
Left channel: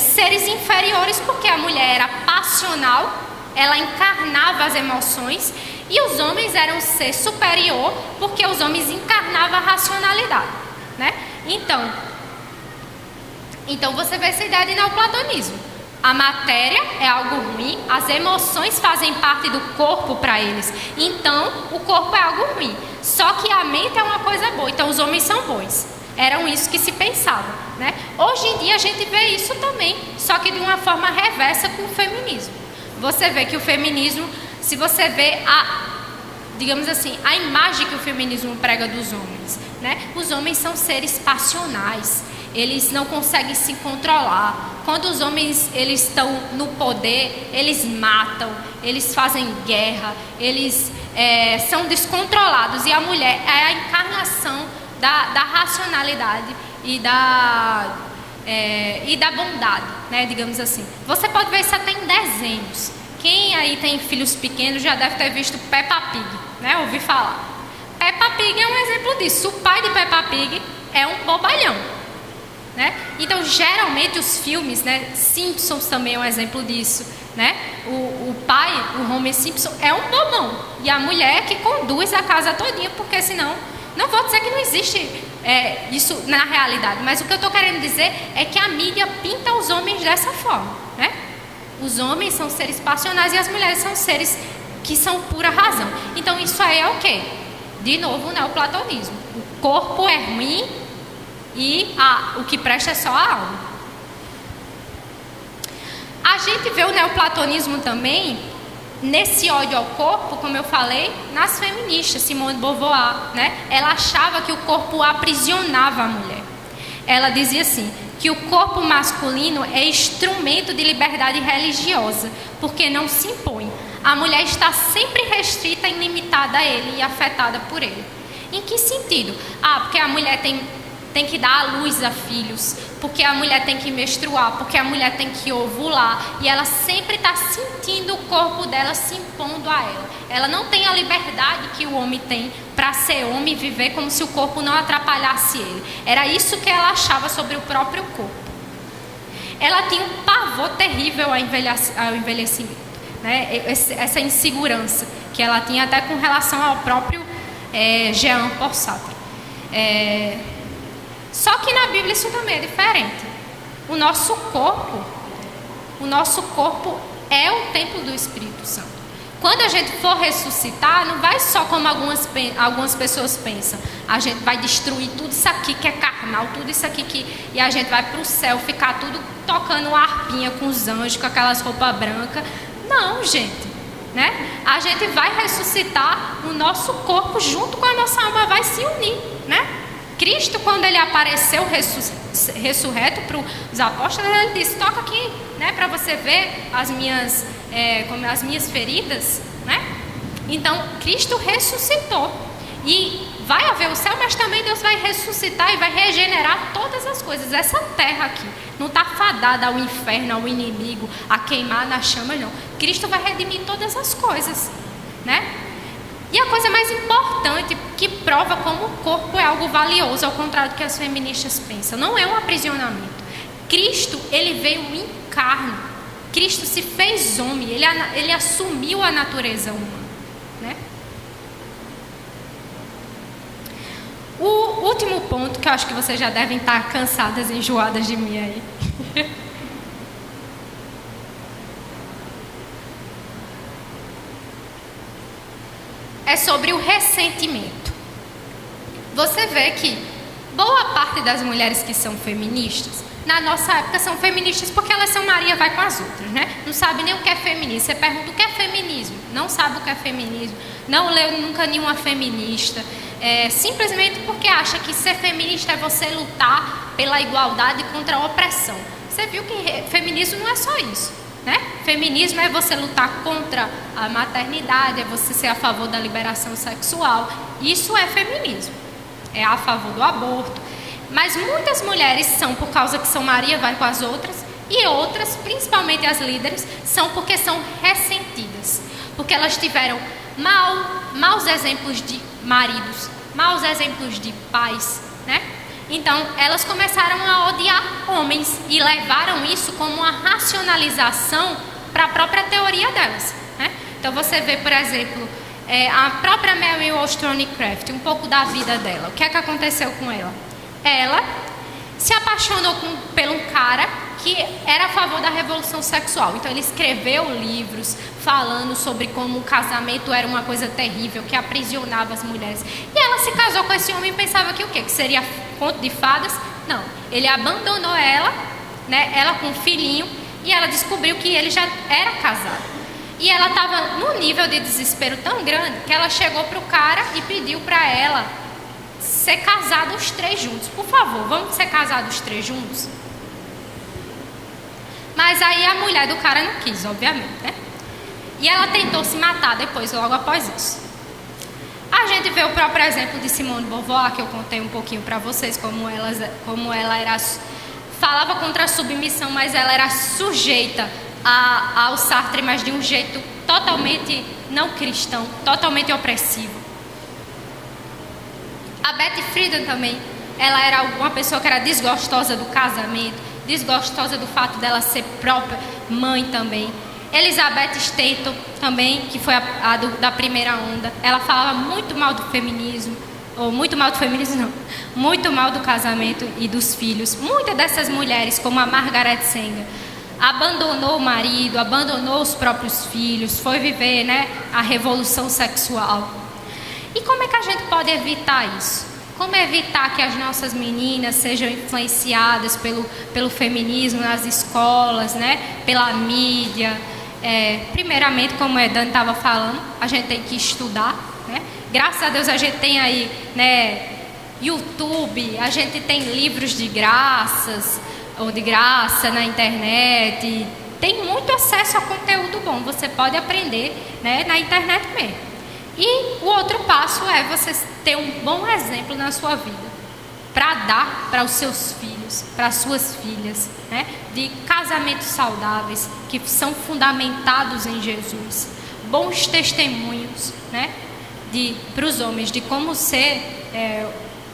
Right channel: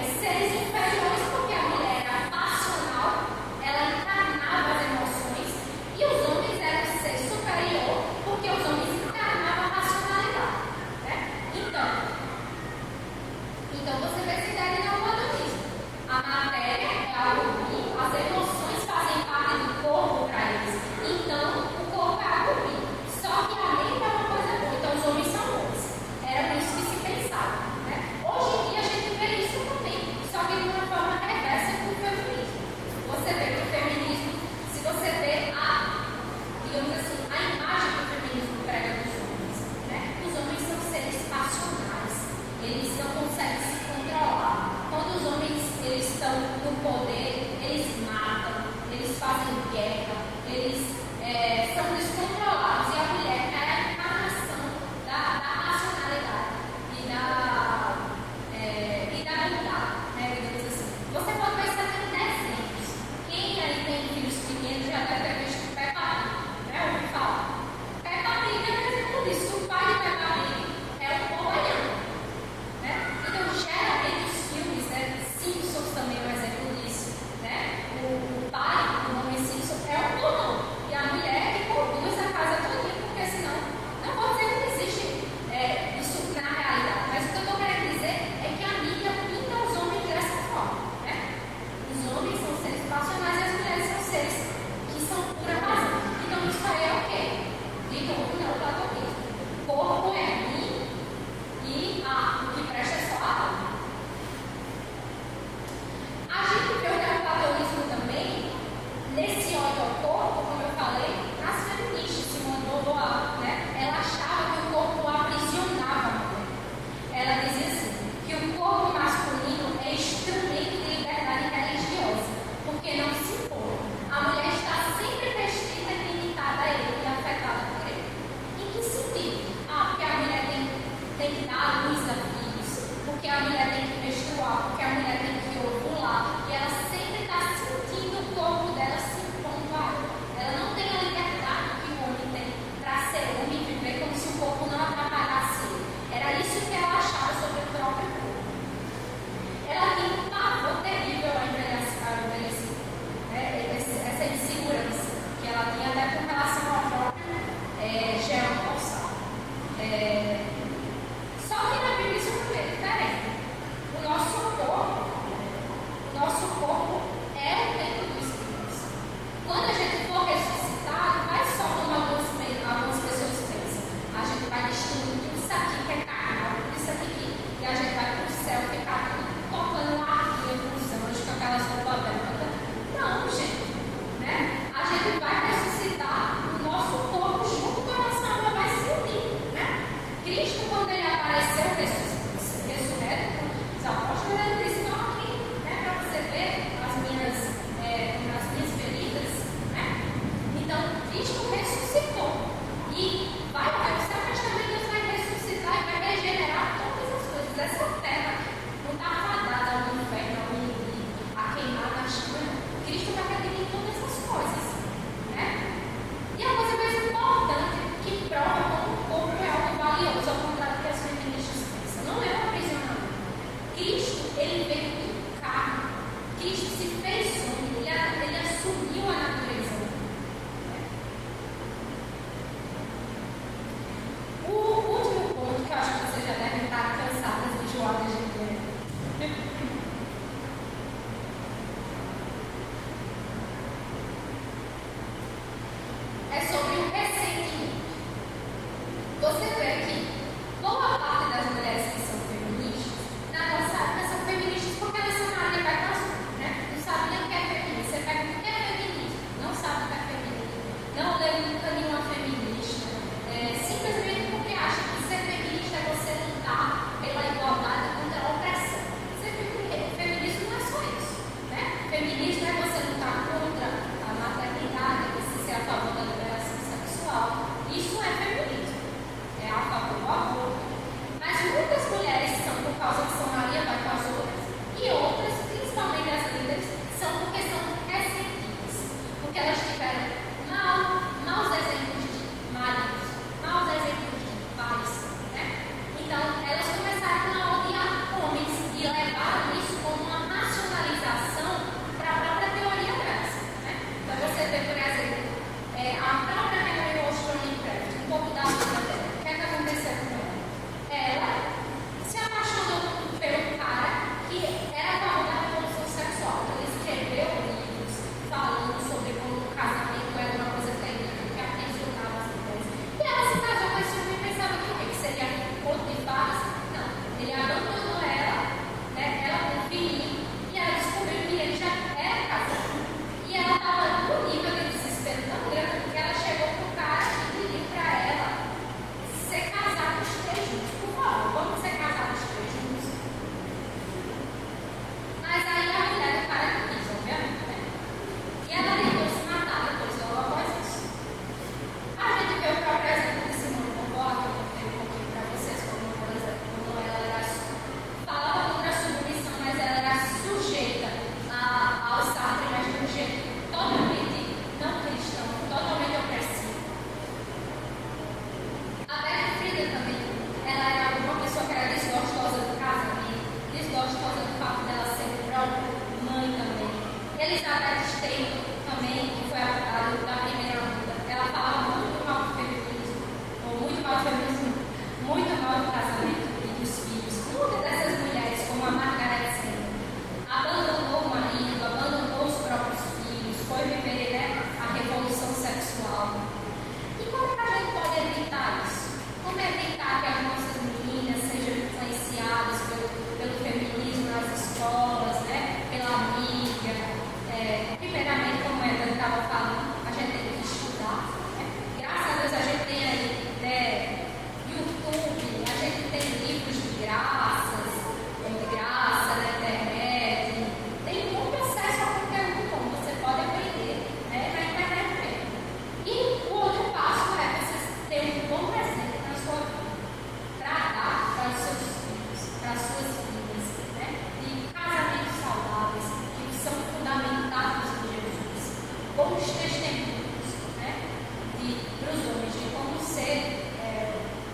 seres inferiores, porque a mulher era passional, ela encarnava as emoções, e os homens eram um ser superior, porque os homens encarnavam a racionalidade, né? Então você vê essa ideia de neoplatonismo. A matéria é algo ruim, as emoções fazem parte do corpo para eles. Então, o corpo é algo ruim. Só que a mente é uma coisa boa. Então, os homens são bons. Eram isso que se pensava, né? Hoje em dia a gente vê isso também, só que de uma forma reversa com o feminismo. Você vê que o feminismo, se você vê digamos assim, a imagem que o feminismo prega dos homens, né? Os homens são seres passionais. Eles não conseguem se controlar. Quando os homens eles estão no poder, eles matam, eles fazem guerra, eles são descontrolados. E a mulher é a encarnação da racionalidade e da bondade, né, digamos assim. Você pode ver isso até em desenhos. Quem aí tem filhos pequenos já deve ter visto Peppa Pig, né? Ouvi falar. Peppa Pig é um exemplo disso. O pai de Peppa Pig é um bobalhão, né? Então, geralmente os filmes, né? Simpsons também é um exemplo disso, né? O pai, o Homer Simpson, é um bobão. E a mulher que conduz a casa todinha, porque senão, não vou dizer que não existe isso na realidade, mas o que eu estou querendo dizer é que a mídia pinta os homens dessa forma, né? Os homens são seres passionais e as mulheres são seres que são pura razão. Então, isso aí é o quê? De novo, o neoplatonismo. O corpo é ruim e o que presta é só a alma. A gente vê o neoplatonismo também nesse ódio ao corpo, como eu falei, nas feministas. Simone de Beauvoir, né? Ela achava que o corpo aprisionava a mulher. ela dizia assim, que o corpo masculino é instrumento de liberdade religiosa, porque não se impõe. A mulher está sempre restrita e limitada a ele e afetada por ele. Em que sentido? Porque a mulher tem que dar à luz a filhos, porque a mulher tem que menstruar, porque a mulher tem que ovular, e ela sempre está sentindo o corpo dela se impondo a ela. Ela não tem a liberdade que o homem tem para ser homem e viver como se o corpo não atrapalhasse ele. Era isso que ela achava sobre o próprio corpo. Ela tinha um pavor terrível ao envelhecimento, né? Essa insegurança que ela tinha até com relação ao próprio Jean-Paul Sartre. Só que na Bíblia isso também é diferente. O nosso corpo é o templo do Espírito Santo. Quando a gente for ressuscitar, não vai só como algumas pessoas pensam. A gente vai destruir tudo isso aqui que é carnal, tudo isso aqui e a gente vai para o céu ficar tudo tocando uma harpinha com os anjos, com aquelas roupas brancas. Não, gente, né? A gente vai ressuscitar o nosso corpo junto com a nossa alma, vai se unir, né? Cristo, quando ele apareceu ressurreto para os apóstolos, ele disse, toca aqui, né, para você ver as minhas feridas, né? Então, Cristo ressuscitou. E vai haver o céu, mas também Deus vai ressuscitar e vai regenerar todas as coisas. Essa terra aqui não está fadada ao inferno, ao inimigo, a queimar na chama, não. Cristo vai redimir todas as coisas, né? E a coisa mais importante, que prova como o corpo é algo valioso, ao contrário do que as feministas pensam, não é um aprisionamento. Cristo, ele veio em carne. Cristo se fez homem, ele assumiu a natureza humana. O último ponto, que eu acho que vocês já devem estar cansadas e enjoadas de mim aí. É sobre o ressentimento. Você vê que boa parte das mulheres que são feministas, na nossa época são feministas porque elas são Maria vai com as outras, né? Não sabe nem o que é feminismo. Você pergunta o que é feminismo, não sabe o que é feminismo, não leu nunca nenhuma feminista. Simplesmente porque acha que ser feminista é você lutar pela igualdade contra a opressão. Você viu que feminismo não é só isso, né? Feminismo é você lutar contra a maternidade, é você ser a favor da liberação sexual. Isso é feminismo, é a favor do aborto. Mas muitas mulheres são por causa que são Maria vai com as outras, e outras, principalmente as líderes, são porque são ressentidas, porque elas tiveram maus exemplos de maridos, maus exemplos de pais, né? Então, elas começaram a odiar homens e levaram isso como uma racionalização para a própria teoria delas, né? Então, você vê, por exemplo, a própria Mary Wollstonecraft, um pouco da vida dela. O que é que aconteceu com ela? Ela se apaixonou pelo cara que era a favor da revolução sexual. Então, ele escreveu livros falando sobre como o casamento era uma coisa terrível, que aprisionava as mulheres. E ela se casou com esse homem e pensava que o quê? Que seria conto de fadas? Não. Ele abandonou ela, né? Ela com um filhinho, e ela descobriu que ele já era casado. E ela estava num nível de desespero tão grande que ela chegou para o cara e pediu para ela ser casados os três juntos. Por favor, vamos ser casados os três juntos? Mas aí a mulher do cara não quis, obviamente, né? E ela tentou se matar depois, logo após isso. A gente vê o próprio exemplo de Simone de Beauvoir, que eu contei um pouquinho para vocês, como ela era, falava contra a submissão, mas ela era sujeita ao Sartre, mas de um jeito totalmente não cristão, totalmente opressivo. A Betty Friedan também, ela era uma pessoa que era desgostosa do casamento, desgostosa do fato dela ser própria mãe também. Elizabeth Stanton também, que foi da primeira onda, ela falava muito mal do feminismo, ou muito mal do feminismo não, muito mal do casamento e dos filhos. Muitas dessas mulheres, como a Margaret Sanger, abandonou o marido, abandonou os próprios filhos, foi viver, né, a revolução sexual. E como é que a gente pode evitar isso? Como evitar que as nossas meninas sejam influenciadas pelo feminismo nas escolas, né, pela mídia? Primeiramente, como a Dan estava falando, a gente tem que estudar, né? Graças a Deus a gente tem aí, né, YouTube, a gente tem livros de graças, ou de graça na internet, tem muito acesso a conteúdo bom, você pode aprender, né, na internet mesmo. E o outro passo é você ter um bom exemplo na sua vida, para dar para os seus filhos, para as suas filhas, né, de casamentos saudáveis, que são fundamentados em Jesus, bons testemunhos, né, para os homens, de como ser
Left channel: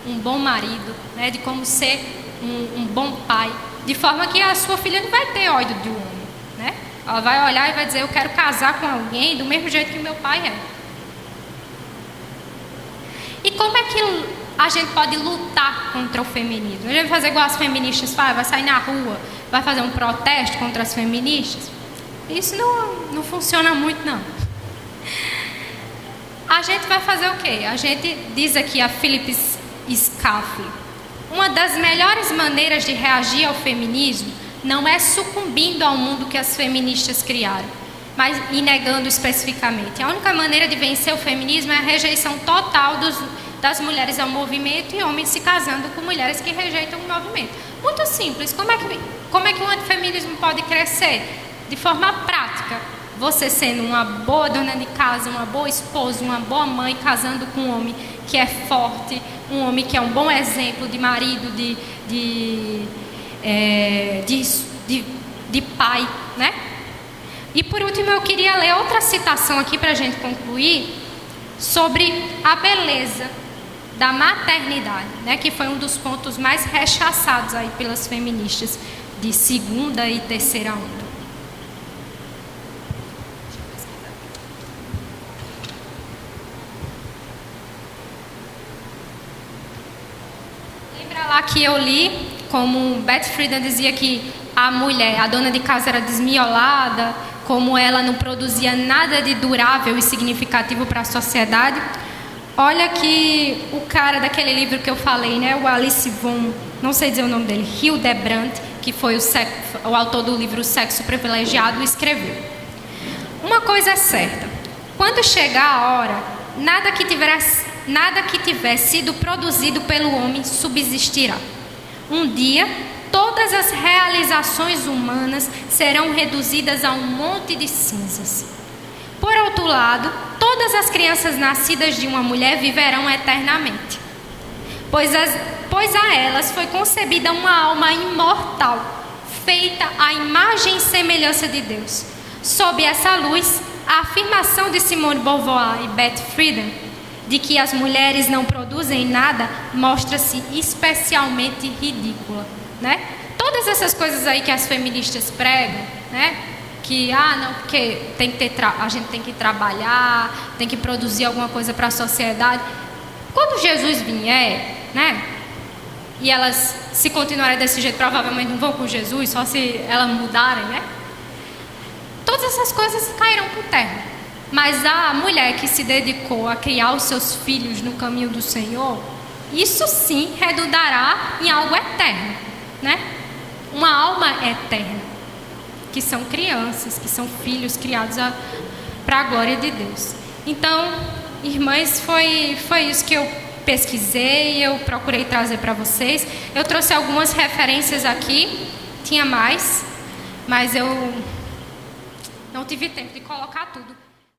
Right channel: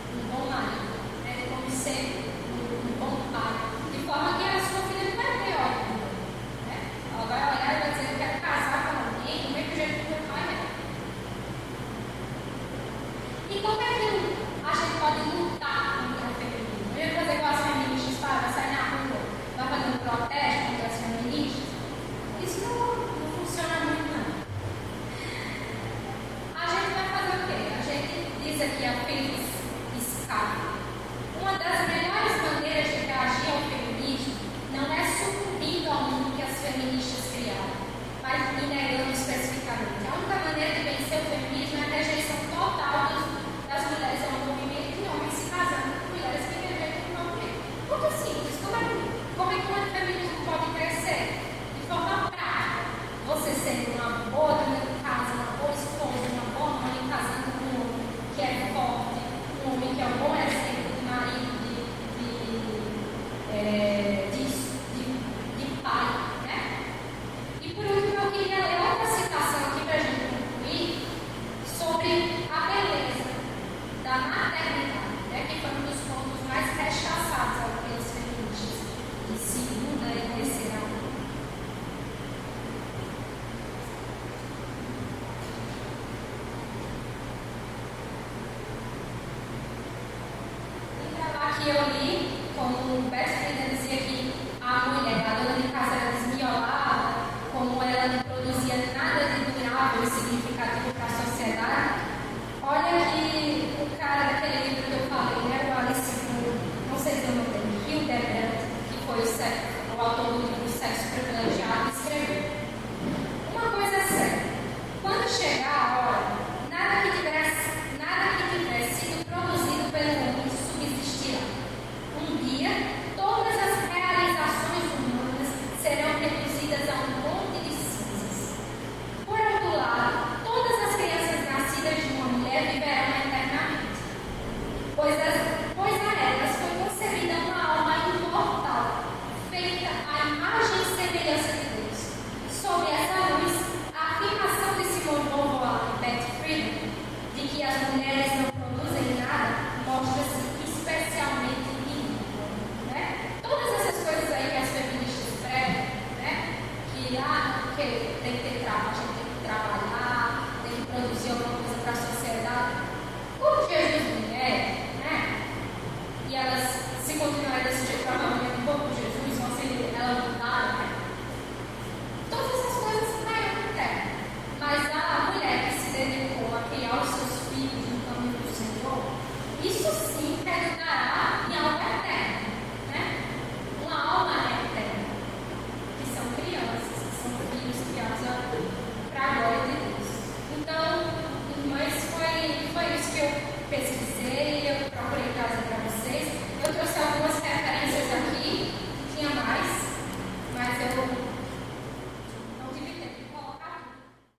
um bom marido, né, de como ser um bom pai, de forma que a sua filha não vai ter ódio de um homem, né? Ela vai olhar e vai dizer, eu quero casar com alguém do mesmo jeito que meu pai é. E como é que a gente pode lutar contra o feminismo? A gente vai fazer igual as feministas fazem, vai sair na rua, vai fazer um protesto contra as feministas? Isso não funciona muito, não. A gente vai fazer o quê? A gente diz aqui a Philip Schaff, uma das melhores maneiras de reagir ao feminismo não é sucumbindo ao mundo que as feministas criaram, mas e negando especificamente. A única maneira de vencer o feminismo é a rejeição total das mulheres ao movimento e homens se casando com mulheres que rejeitam o movimento. Muito simples. Como é que o antifeminismo pode crescer? De forma prática. Você sendo uma boa dona de casa, uma boa esposa, uma boa mãe, casando com um homem que é forte, um homem que é um bom exemplo de marido, de pai, né? E por último eu queria ler outra citação aqui para a gente concluir sobre a beleza da maternidade, né? Que foi um dos pontos mais rechaçados aí pelas feministas de segunda e terceira onda. Que eu li, como Beth Friedan dizia que a mulher, a dona de casa era desmiolada, como ela não produzia nada de durável e significativo para a sociedade. Olha que o cara daquele livro que eu falei, né, o Alice von, não sei dizer o nome dele, Hildebrandt, que foi o autor do livro O Sexo Privilegiado, escreveu. Uma coisa é certa, quando chegar a hora, nada que tiver sido produzido pelo homem subsistirá. Um dia, todas as realizações humanas serão reduzidas a um monte de cinzas. Por outro lado, todas as crianças nascidas de uma mulher viverão eternamente, pois a elas foi concebida uma alma imortal, feita à imagem e semelhança de Deus. Sob essa luz, a afirmação de Simone de Beauvoir e Beth Friedan de que as mulheres não produzem nada, mostra-se especialmente ridícula, né? Todas essas coisas aí que as feministas pregam, né? Que, não, porque a gente tem que trabalhar, tem que produzir alguma coisa para a sociedade. Quando Jesus vier, né? E elas, se continuarem desse jeito, provavelmente não vão com Jesus, só se elas mudarem, né? Todas essas coisas cairão por terra. Mas a mulher que se dedicou a criar os seus filhos no caminho do Senhor, isso sim redundará em algo eterno, né? Uma alma eterna, que são crianças, que são filhos criados para a glória de Deus. Então, irmãs, foi isso que eu pesquisei, eu procurei trazer para vocês. Eu trouxe algumas referências aqui, tinha mais, mas eu não tive tempo de